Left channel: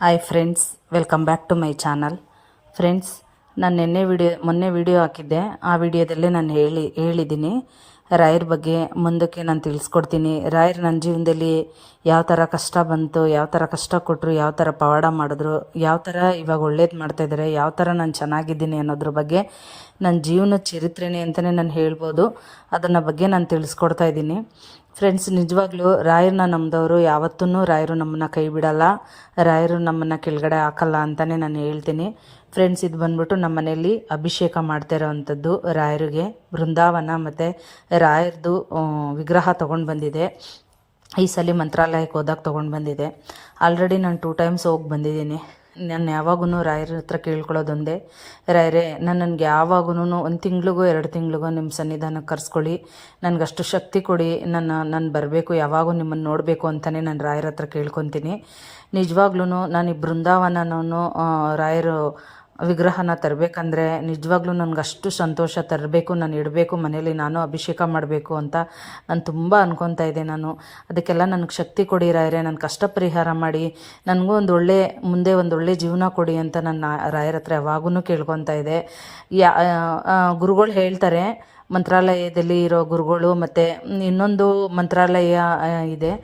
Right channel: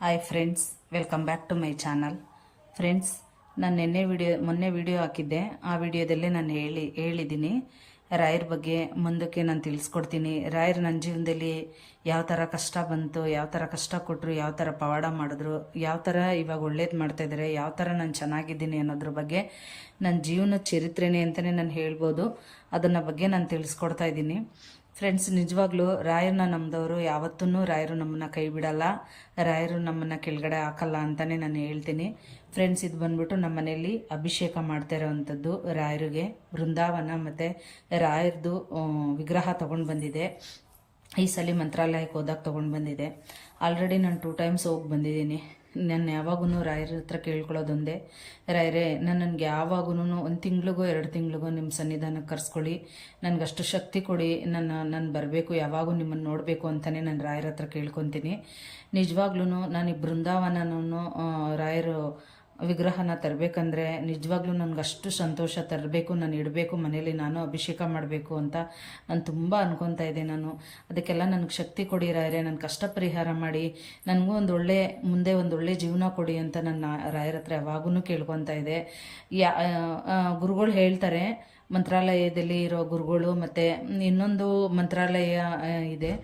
Hi friends, welcome back to my channel. Friends, ನಾನು ಮೊನ್ನೆ video ಹಾಕಿದ್ದೆ. ಆ ವಿಡಿಯೋದಲ್ಲೇ ನಾನು ಹೇಳಿದ್ದೀನಿ ರಾಯರ ಬಗ್ಗೆ. ಮುಂದಕ್ಕೆ ನಾನು ತಿಳಿಸ್ಕೊಡ್ತೀನಿ. ರಾಯರು ನನ್ನ ಜೀವನದಲ್ಲಿ ಯಾವ ಥರ ಕಷ್ಟ ಬಂತು, ಯಾವ ಥರ ಕಷ್ಟ ಕೊಟ್ಟರು, ಯಾವ ಥರ ಪವಾಡ ಮಾಡಿದ್ರು, ಯಾವ ಥರ ಇವಾಗ ಒಳ್ಳೇದು ಮಾಡ್ತಾಯಿದ್ದಾರೆ, ಯಾವ ಥರ ನಾನು ಚೆನ್ನಾಗಿದ್ದೀನಿ ಅನ್ನೋದ್ರ ಬಗ್ಗೆ ನನ್ನ ಜೀವನದ ಚರಿತ್ರೆನೇ ಅಂತಲೇ ನಾನು ಹೇಳ್ಬೋದು. ಅದನ್ನ ಬಗ್ಗೆ ನಾನು ತಿಳಿಸ್ಕೊಡ್ತಾ ಇದ್ದೀನಿ. ಫ್ರೆಂಡ್ಸ್, ನಿಜವಾಗ್ಲೂ ರಾಯರನ್ನ ನಂಬಿದವರು ಯಾವತ್ತೂ ರಾಯರು ನಮ್ಮನ್ನು ಕೈ ಬಿಡಲ್ಲ, ರಾಯರು ನಮ್ಮನ್ನು ಕೆಳಗಡೆ ಹಾಕಲ್ಲ ಅಂತಲೇ ನಾನು ಹೇಳ್ತೀನಿ. ಫ್ರೆಂಡ್ಸ್, ಇದು ಬಂದ್ಬಿಟ್ಟು ನಮ್ಮ ಮನೆಯಲ್ಲಿ ಅಭಿಷೇಕ ಮಾಡ್ತಾ ಇರೋವಂಥದ್ದು ರಾಯರಿಗೆ. ಬೃಂದಾವನ ಮತ್ತು ರಾಯರದು ವಿಗ್ರಹ ತೊಗೊಂಡು ಬಂದಿದೆ. ಈ ಸಲ ಮಂತ್ರಾಲಯಕ್ಕೆ ಹೋದಾಗ ತೊಗೊಂಡು ಬಂದಿದೆ. ಆಲ್ರೆಡಿ ನಾನು 2 ಟೈಮ್ಸ್ ಹೋಗಿ ಬಂದಿದ್ದೀನಿ. ನಾನು ಯಾವಾಗೂ ರಾಯರ ಹತ್ರ ಕೇಳ್ಕೊಳ್ಳೋದೊಂದೇ, ರಾಯರೇ ನನಗೆ ಯಾವಾಗೂ 1 ತಿಂಗಳಿಗೋ 2 ತಿಂಗಳಿಗೋ ನಿಮ್ಮ ಸನ್ನಿಧಾನಕ್ಕೆ ಕರೆಸ್ಕೊಳ್ಳಿ, ನನಗಷ್ಟು ಶಕ್ತಿ ಕೊಡಿ, ನಾನು ಬರಬೇಕು, ಯಾವಾಗೂ ನಿಮ್ಮನ್ನು ನೋಡಬೇಕು ಅಂತಲೇ ನಾನು ರಾಯರ ಹತ್ರ ಕೇಳ್ಕೊತೀನಿ. ನಿಜವಾಗ್ಲೂ ನಾನು ಈ ಬೃಂದಾವನನೂ ರಾಯರು ವಿಗ್ರಹನ ತರಬೇಕಂದ್ರೆ ನಿಜವಾಗ್ಲೂ ನನಗೆ ಅಷ್ಟು ಸಂತೋಷ. ತರಬೇಕು, ನಾನು ಇಡಬೇಕು ಮನೇಲಿ, ನಾನು ಅಭಿಷೇಕ ಮಾಡಬೇಕು ಅಂತ ನಾನು ತುಂಬ ಅನ್ಕೊತಾ ಇದ್ದೆ. ಅದಕ್ಕೆಲ್ಲ ನನಗೆ ಶಕ್ತಿ ಕೊಡಿ ರಾಯರೇ, ನನ್ನ ಕಷ್ಟ ಪರಿಹಾರ ಮಾಡಿ, ನನಗೂ ಮುಂದೆ ಒಂದು ಒಳ್ಳೆ ಜೀವನ ಕೊಡಿ ಅಂತ ನನ್ನ ರಾಯರ ಹತ್ರ ಯಾವಾಗೂ ಕೇಳ್ಕೊತಾ ಇದ್ದೆ. ಗುರುಗಳು ಹೇಳ್ತಾರೆ, ಮಂತ್ರಾಲಯದಲ್ಲಿ ಇರೋ ಗುರುಗಳು ಮತ್ತು ಇನ್ನೊಂದು ಮಂತ್ರಾಲಯ ಇದೆ,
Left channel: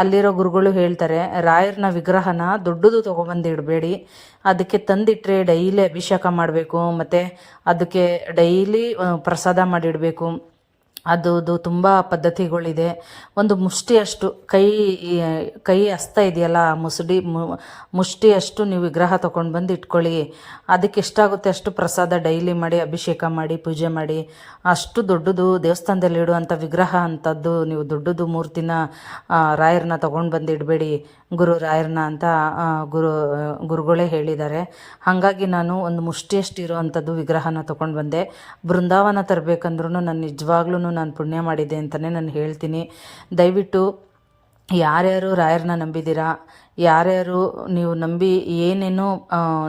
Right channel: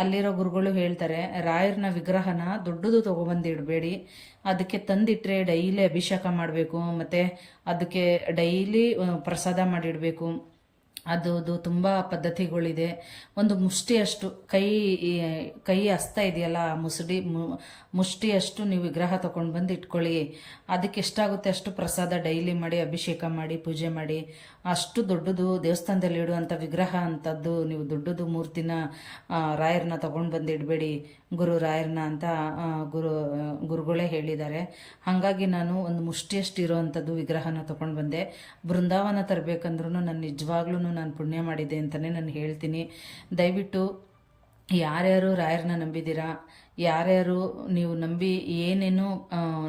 ಅಲ್ಲಿರೋ ಗುರುಗಳು ಹೇಳ್ತಾರೆ, ರಾಯರನ ವಿಗ್ರಹನ ದೊಡ್ಡದು ತೊಗೊಬಂದು ಇಡಬೇಡಿ, ಅದಕ್ಕೆ ತಂದಿಟ್ಟರೆ ಡೈಲಿ ಅಭಿಷೇಕ ಮಾಡಬೇಕು, ಮತ್ತು ಅದಕ್ಕೆ ಡೈಲಿ ಪ್ರಸಾದ ಮಾಡಿಡಬೇಕು. ಅದು ತುಂಬ ಪದ್ಧತಿಗಳಿದೆ. ಒಂದು ಮುಷ್ಟಿಯಷ್ಟು ಕೈ ಹಸ್ತ ಇದೆಯಲ್ಲ, ಮುಷ್ಟಿಯಷ್ಟು ನೀವು ವಿಗ್ರಹ ತೊಗೊಂಡು ಬಂದು ಇಟ್ಕೊಳ್ಳಿ. ಅದಕ್ಕೆ ಎಷ್ಟಾಗುತ್ತೆ ಅಷ್ಟು ಪ್ರಸಾದ ಡೈಲಿ ಮಾಡಿ, ಅಭಿಷೇಕ ಮಾಡಿ, ಪೂಜೆ ಮಾಡಿ. ಅಷ್ಟು ದೊಡ್ಡದು ದೇವಸ್ಥಾನದಲ್ಲಿ ಇಡುವಂಥ ವಿಗ್ರಹ ಅಂಥದ್ದು ನೀವು ದೊಡ್ಡದು ಮೂರ್ತಿನ ರಾಯರನ್ನ ತೊಗೊಂಡು ಬಂದು ಇಡಬೇಡಿ ಗುರು ರಾಯರನ್ನ ಅಂತ ಗುರುಗಳೇ ಹೇಳಿದ್ದಾರೆ. ಹಾಗಾಗಿ ನಾನು ಒಂದು ಮುಷ್ಟಿಯಷ್ಟು ಇರುವಂಥದ್ದು ವಿಗ್ರಹನ ತೊಗೊಂಡು ಬಂದೆ. ಬೃಂದಾವನ ತರಬೇಕಂದ್ರೂ ನಾನು ನಿಜವಾಗ್ಲೂ ನಾನು ಪುಣ್ಯ ಮಾಡಿದ್ದೆ ಅಂತಲೇ ನಾನು ಹೇಳ್ತೀನಿ. ದಯವಿಟ್ಟು ಯಾರ್ಯಾರು ರಾಯರನ್ನ ನಂಬಿದ್ದೀರಾ, ಯಾರ್ಯಾರು ನೀವು ನಂಬಿ ಏನೇನು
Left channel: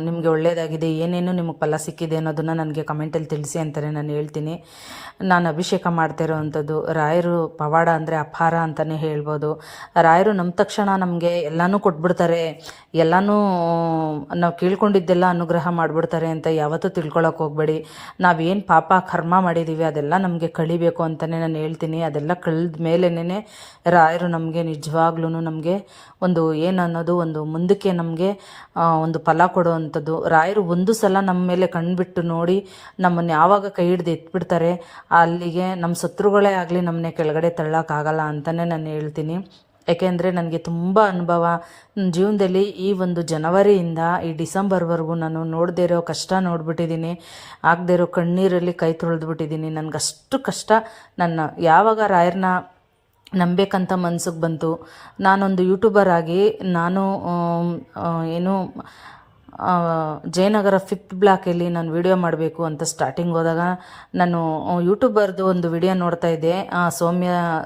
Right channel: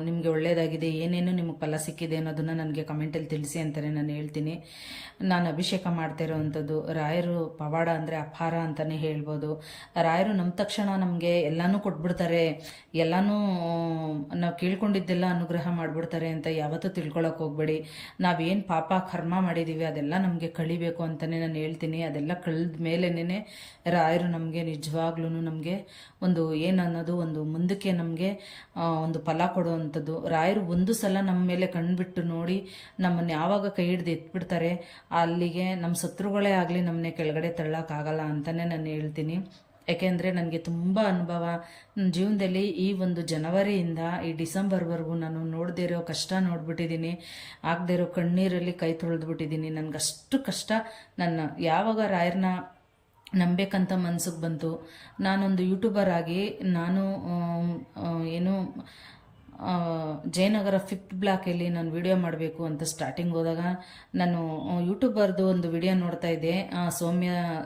ನಿಮಗೆ ಒಳ್ಳೆಯದಾಗಿದೆ, ಏನೇನು ನಿಮಗೆ ಫಲ ಸಿಕ್ಕಿದೆ ಅನ್ನೋದನ್ನು ನನಗೆ ಕಮೆಂಟಲ್ಲಿ ತಿಳಿಸಿ ಅಂತಲೇ ನಾನು ಹೇಳ್ತೀನಿ. ನಾನು ಅಭಿಷೇಕ ಮಾಡ್ತಾ ಇರೋವಂಥದ್ದು ರಾಯರು ಪವಾಡ ಅಂದರೆ ಅಪಾರ ಅಂತಲೇ ಹೇಳ್ಬೋದು. ರಾಯರು ನಮ್ಮ ತಕ್ಷಣ ನಮಗೆ ಎಲ್ಲನೂ ಕೊಟ್ಬಿಡ್ತಾರೆ, ಎಲ್ಲನೂ ನಾವು ಕೇಳ್ಕೊಂಡಿದ್ದೆಲ್ಲ ಅನುಗ್ರಹ ಮಾಡಿಬಿಡ್ತಾರೆ ಅಂತ ಯಾವತ್ತೂ ತಿಳ್ಕೊಳಕ್ಕೆ ಹೋಗಬೇಡಿ. ನಾವೇನು ಪಾಪ ಕರ್ಮ ಮಾಡಿದ್ದೀವಿ ಅದೆಲ್ಲ ನಮಗೆ ಕಳಿಬೇಕು ಅಂತಲೇ ನಾನು ಹೇಳ್ತೀನಿ. ಅದೆಲ್ಲ ಕಳೆದ ಮೇಲೇ ರಾಯರು ನಮಗೆ ನಿಜವಾಗ್ಲೂ ನಮಗೆ ಒಂದು ಏನನ್ನೋದು ಒಂದು ಮುಂದಕ್ಕೆ ನಮಗೆ ಒಂದು ಫಲ ಕೊಡುವಂಥದ್ದು. ರಾಯರು ಒಂದು ಸಲ ನಮ್ಮ ಮೇಲೆ ಕಣ್ಬಿಟ್ಟು ನೋಡಿ ನಮ್ಮನ್ನು ಯಾವಾಗ ಕೈ ಹಿಡ್ದು ಎತ್ಬಿಡ್ತಾರೆ, ಅಲ್ಲಿಗೆ ನಮ್ಮ ಶತ್ರುಗಳೇ ಆಗಲಿ ನಮ್ಮನ್ನೇ ಕೆಳಗಡೆ ತಳ್ಳೋಕ್ಕಾಗಲ್ಲ ಅಂತಲೇ ನಾನು ಹೇಳ್ತೀನಿ. ಯಾಕೆಂದರೆ ನನಗೆ ತುಂಬ ಅನುಭವ ನನ್ನ ಜೀವನದಲ್ಲಿ. ಈ ಒಂದು ಜನವರಿಯಿಂದ ಈ ಡಿಸೆಂಬರ್ವರೆಗೂ ನಾನು ನೋಡದೇ ಇರೋ ಕಷ್ಟ ನೋಡ್ಬಿಟ್ಟಿದ್ದೀನಿ, ಆಗದೇ ಇರೋ ಕಣ್ಣೀರಲ್ಲಿ ಕೈ ತೊಳೆದ್ಬಿಟ್ಟಿದ್ದೀನಿ. ನನಗಷ್ಟು ಕಷ್ಟ ನನ್ನ ಯಾವಾಗ ರಾಯರನ್ನ ನಂಬೇಕಂತ ಮನ್ಸಿಗೆ ಬಂತು. ನಾನೊಂದು ಯೂಟ್ಯೂಬರ್ ಆಗಿ ನಾನು ಜಯನಗರ 5th ಬ್ಲಾಕಲ್ಲಿ ನಾನು ವಿಡಿಯೋ ಮಾಡಬೇಕು ಅಂತ ಸ್ಟಾರ್ಟಿಂಗ್ ಹೋದಾಗ ನಾನು ಯೂಟ್ಯೂಬರ್ದು ಒಂದು ವಿಡಿಯೋ ನೋಡ್ತಾ ಇದ್ದೆ.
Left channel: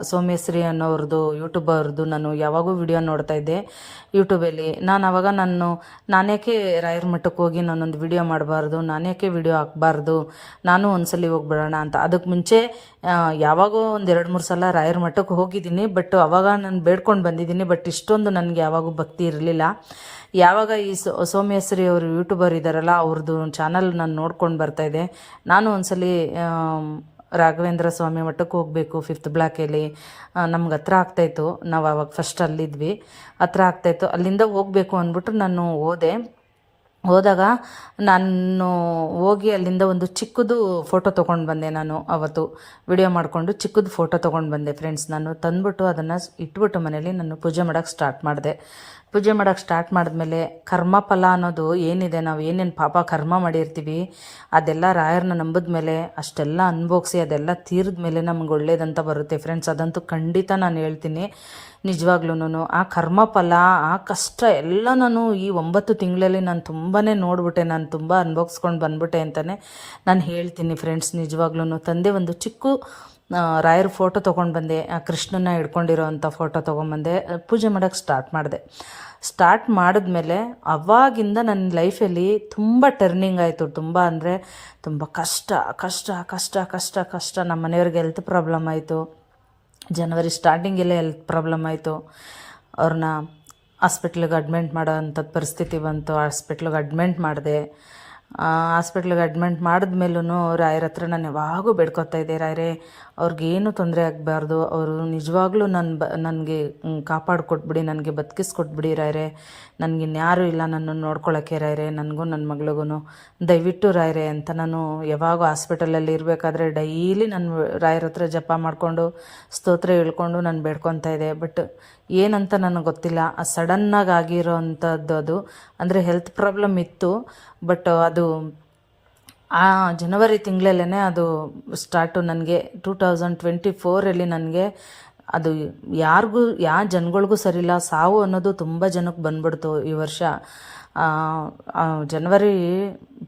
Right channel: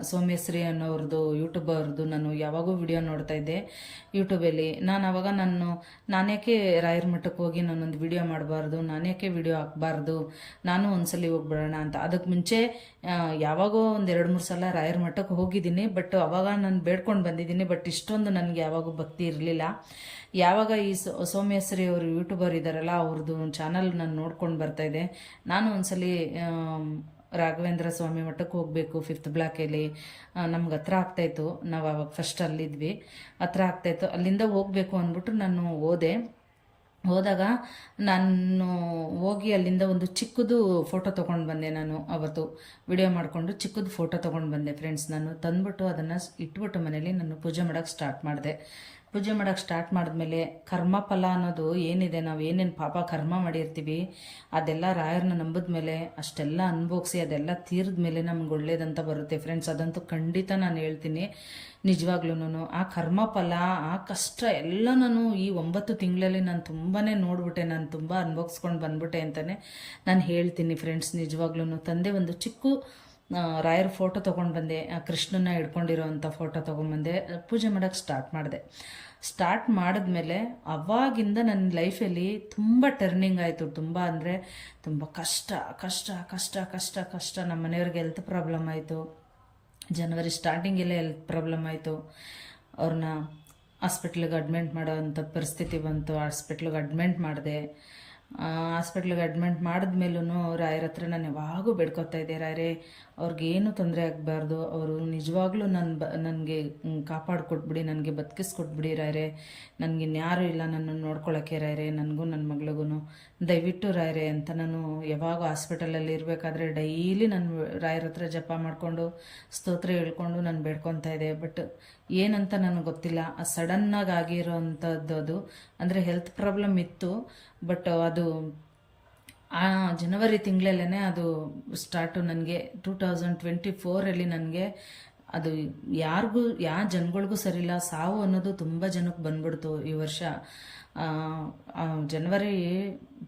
ಸೌಮ್ಯಶ್ರೀ ಅನ್ನೋರದ್ದು ಯೂಟ್ಯೂಬರ್ದು ನಾನು ಯಾವಾಗೂ ವಿಡಿಯೋ ನೋಡ್ತಾ ಇದ್ದೆ ಯೂಟ್ಯೂಬಲ್ಲಿ. ಆವಾಗ ನಾನ್ಯಾಕೆ ರಾಯರ ಮಠಕ್ಕೆ ಹೋಗಿ ನಾನೊಂದು ವಿಡಿಯೋ ಮಾಡಬಾರ್ದು, ನಾನ್ಯಾಕೆ ವಿಡಿಯೋ ಹಾಕಬಾರ್ದು, ನಾನು ಒಂದ್ಸಲಿ ಹೋಗ್ಬಿಡೋಣ ಅಂತ. ಅದಕ್ಕೆ ಮುಂಚೆ ಯಾವಾಗೋ ಒಂದು 2-3 ಸಲ ರಾಯರ ಮಠಕ್ಕೆ ಹೋಗಿದ್ದೀನಿ. ಬಟ್ ಅವಾಗ ನಾನು ಬೇಡ್ಕೊಂಡು ಬಂದಿದ್ದೀನಿ. ಬಟ್ ಇಷ್ಟೊಂದು ನನಗೆ ಯಾವಾಗೂ ಭಕ್ತಿ ಇರಲಿಲ್ಲ. ಯಾವಾಗ ಈ ಸೌಮ್ಯಶ್ರೀ ಅವರು ಯೂಟ್ಯೂಬರ್ ಇದ್ದಾರಲ್ಲ, ಅವ್ರದ್ದು ಚಾನಲ್ ನಾನು ನೋಡ್ಕೊಂಡು ಬರ್ತಾಯಿದ್ದೆ. ನಾನು ಒಂದ್ಸಲಿ ರಾಘವೇಂದ್ರ ಸ್ವಾಮಿ ಮಠಕ್ಕೆ ಹೋಗಬೇಕು 5th ಬ್ಲಾಕಲ್ಲಿ, ನಮ್ಗೆ ಹತ್ರ ಆಗ್ತಾಯಿತ್ತು. ನಾವು ಆವಾಗ ಫಸ್ಟ್ ಅಲ್ಲಿದ್ವಿ, ಹತ್ರ ಆಗ್ತಾಯಿತ್ತು. ಅಲ್ಲಿಂದ ಹೋಗಬೇಕು ಅಂದ್ಬಿಟ್ಟು ನಾನು ಹೋದಾಗ ನಾನು ಹೋಗಿ ಅಲ್ಲಿಂದ ಒಂದು ಚಿಕ್ಕದು ಫೋಟೋ ತೊಗೊಂಡು ಬಂದೆ. ನಾನು ಅವತ್ತು ವಿಡಿಯೋ ಮಾಡಿಕೊಂಡು ಚಿಕ್ಕದು ಫೋಟೋ ತೊಗೊಂಡು ಬಂದೆ ಫ್ರೆಂಡ್ಸ್. ನಾನು ತಂದುಬಿಟ್ಟು ಅದನ್ನು ಇಟ್ಬಿಟ್ಟು ಮನೇಲಿ ನಾನು ಪೂಜೆ ಮಾಡೋಕ್ಕೆ ಸ್ಟಾರ್ಟ್ ಮಾಡಿದೆ. ಪೂಜೆ ಮಾಡೋಕ್ಕೆ ಸ್ಟಾರ್ಟ್ ಮಾಡಿದ್ಮೇಲೆ ಕರ್ಮಫಲ ಅನ್ನೋದು ಏನಿದೆ, ನಾವು ಏನೇನು ಪಾಪ ಕರ್ಮ ಮಾಡಿರ್ತೀವಿ ಅದೆಲ್ಲ ರಾಯರನ್ನ ನಂಬಿದ ಮೇಲೆ ಅಷ್ಟೆಲ್ಲ ಅನುಭವಿಸಿ ಅದೆಲ್ಲ ತೀರಿದ ಮೇಲೆ ನಮ್ಗೆ ಒಳ್ಳೇದಂತ ಬರುತ್ತೆ ಫ್ರೆಂಡ್ಸ್. ಅದಂತೂ ಖಂಡಿತ ನಾನು ಹೇಳ್ತೀನಿ. ನಿಜವಾಗ್ಲೂ ಆ ಕರ್ಮಫಲ, ಆ ಕಷ್ಟ ಎಲ್ಲ ನಾನು ಈ 9 ತಿಂಗಳಲ್ಲಿ ನಾನು ತುಂಬಾ ನೋಡ್ಬಿಟ್ಟೆ, ನಾನು ತುಂಬ ಅನುಭವಿಸ್ಕೊಂಡು ಬಂದ್ಬಿಟ್ಟೆ ಅಂತಲೇ ನಾನು ಹೇಳ್ತೀನಿ ಫ್ರೆಂಡ್ಸ್. ನಿಜವಾಗ್ಲೂ ತಂದೆ ಒಂದು ಚಿಕ್ಕ ರಾಯರ ಫೋಟೋ ತೊಗೊಂಡು ಬಂದೆ, ಆ ಕೃಷ್ಣನ ಹಿಡ್ಕೊಂಡಿರೋ ಅಂಥ ಫೋಟೋ ತೊಗೊಂಬಂದೆ, ಪೂಜೆ ಮಾಡೋಕ್ಕೆ ಸ್ಟಾರ್ಟ್ ಮಾಡಿದ್ಮೇಲೆ ಅವಾಗಿಂದ ನನ್ನ ಲೈಫಲ್ಲಿ ತುಂಬ ಟರ್ನಿಂಗ್ ಆಯಿತು. ತುಂಬ ಅಂದರೆ ತುಂಬ ಕಷ್ಟ ಕಷ್ಟ ಕಷ್ಟ ಕಷ್ಟ ಕಷ್ಟ. ನಮ್ಮ ಮನೆಯವ್ರಿಗೆ ಹೆಲ್ತ್ ಪ್ರಾಬ್ಲಮ್ ಆಯಿತು. ಜನವರಿ ಸ್ಟಾರ್ಟಿಂಗೆಲ್ಲ ಹೆಲ್ತ್ ಪ್ರಾಬ್ಲಮ್ ಆಯಿತು. ಅವ್ರನ್ನ ಹಾಸ್ಪಿಟ್ಲಿಗೆ ಅಡ್ಮಿಂಟ್ ಮಾಡೋ ಅಂಥದ್ದು ಪರಿಸ್ಥಿತಿ ಬಂತು. ಹಾಸ್ಪಿಟ್ಲಿಗೆ ಅಡ್ಮಿಂಟ್ ಮಾಡಿದೆ. ಹಾಸ್ಪಿಟ್ಲಿಗೆ ಅಡ್ಮಿಂಟ್ ಮಾಡಿದ್ಮೇಲೂ ರಾಯರ ಹತ್ರ ನಾನು ಯಾವಾಗೂ ಬೇಡ್ಕೊತಾ ಇದ್ದೆ, ರಾಯರೇ ಅವ್ರಿಗೇನು ತೊಂದರೆ ಆಗಬಾರ್ದು, ಅವರು ನಿಜವಾಗ್ಲೂ ನನಗೆ ಕಾಪಾಡಿಕೊಟ್ಬಿಡಿ, ನನಗೆ ಬದುಕಿಸ್ಕೊಟ್ಬಿಡಿ ರಾಯರೇ, ನನಗಿನ್ಯಾರೂ ಇಲ್ಲ ನನ್ನನ್ನು ನೋಡ್ಕೊಳ್ಳೋಕ್ಕೆ ರಾಯರೇ, ನನಗೂ ನನ್ನ ಮಗಳಿಗೂ ದಯವಿಟ್ಟು ರಾಯರೇ ಅಂತ ನಾನು ಯಾವಾಗ ಹಾಸ್ಪಿಟಲಲ್ಲಿ ಇರಬೇಕಾದ್ರೆ ಡೈಲಿ ನಾನು ರಾಯರ ಹತ್ರ ಜಪ ಮಾಡಿಕೊಂಡು ಸ್ತೋತ್ರ ಹೇಳ್ಕೊಂಡು ನಾನು ಬೇಡ್ಕೊತಾ ಇದ್ದೆ. ಬಟ್ ಏನಂತ ನನಗೆ ಗೊತ್ತಿಲ್ಲ. ಸಡನ್ನಾಗಿ ಆಗಿರೋ ಅಂಥದ್ದು ಅದು, ಅಂದರೆ ಹೆಲ್ತ್ ಪ್ರಾಬ್ಲಮ್ ಇತ್ತು. ಬಟ್ ಅದು ಆ ಜನವರಿ ತಿಂಗಳಲ್ಲೇ ಅದು ಸ್ಟಾರ್ಟು. ನನಗೆ 2024 ನನಗೆ ಅದು ಯಾರಿಗೂ ಯಾವ ಜನಗಳಿಗೂ ಸರಿಯಿಲ್ಲ, ಸಾವು ಅನ್ನೋದು ತುಂಬ ಜನಕ್ಕೆ ಬಂದ್ಬಿಡ್ತು ಈ ವರ್ಷ. ಜನವರಿ